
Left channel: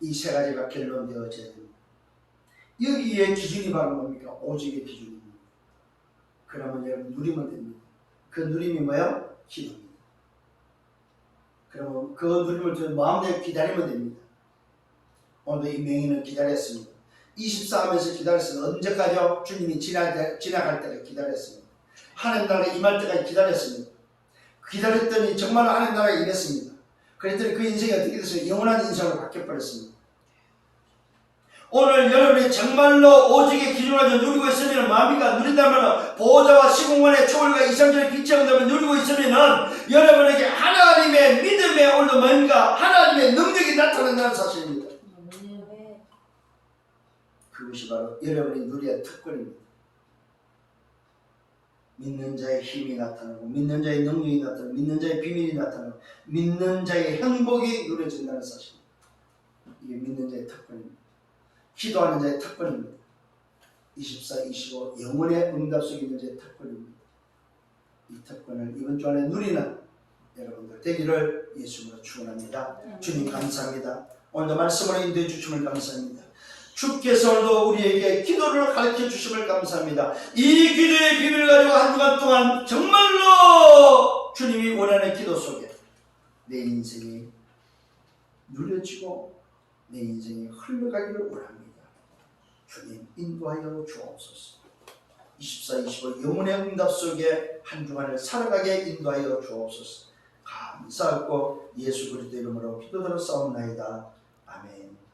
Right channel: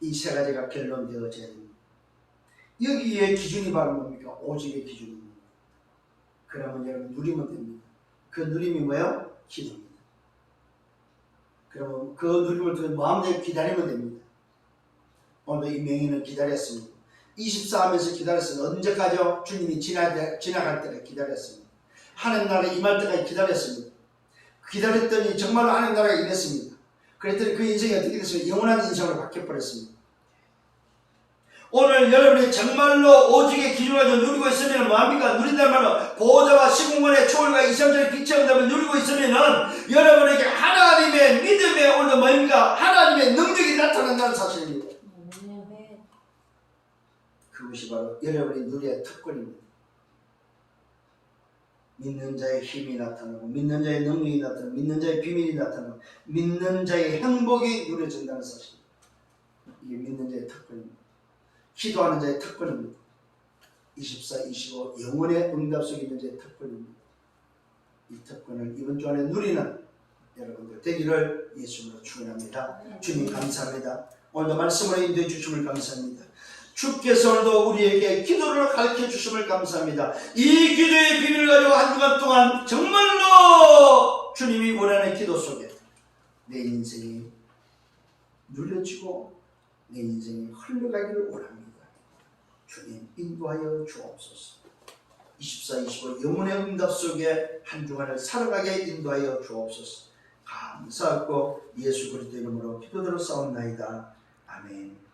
이 세 가지가 결론되어져야 됩니다. 여기에 기준이 바로 뭡니까? 오직의 기준입니다. 그러면 여러분 누리면 됩니다. 그 누림이 뭐예요? 기도입니다. 그러면 그 누림을 마음대로 기다리면 됩니다. 오늘도 이 맹인은 기다렸습니다. 24 하면서 기다렸습니다. 언제까지요? 주님이 지나갈 때까지 기다렸습니다. 하나님 나라에 임할 때까지 기다렸습니다. 기다렸더니 정말로 하나님 나라에 임했습니다. 그랬더니 그 인생이 어떻게 됐어요? 영원한 인생으로 바뀌어버렸습니다. 오늘 여러분이 정말로 오직의 기준을 가지고 누리고 있으면 뭐합니까? 누린다는 말은 보좌와 시공간의 초월과 이상적인 빛의 응답을 누리고 있으면 여러분에게 하나님의 믿음의 오늘도 뭡니까? 하나님의 능력이 나타난다는 사실입니다. 그것이 바로 여러분이 누려야 특권입니다. 믿는 자의 힘이 나타나고 믿는 자의 능력이 나타나고 믿는 자의 비밀이 나타나고 믿는 자의 행복이 누려진다는 사실. 이게 믿는 자의 특권입니다. 기도하는 자의 특권입니다. 24, 25 영혼의 응답 속에 있는 자의 특권입니다. 이 특권을 이번 주 안에 누리는 여러분들 되기를 예수님으로 축원합니다. 주님 감사합니다. 오늘도 말씀으로 인도해 주심을 감사합니다. 주께서 오늘도 우리에게 기도를 가르쳐 주심을 감사합니다. 이 기도의 비밀을 가지고 한 주간 동안 정말로 주님이 원하는 기도 속에 내 인생이 누려지고 내 인생이 흘러가기를 원합니다. 주님 인도하여 주옵소서. 24, 25 영혼의 응답 속에 한 주간을 살아가게 인도하여 주옵소서. 감사하고 예수 그리스도 이름으로 기도드려 싸움나이다. 아멘.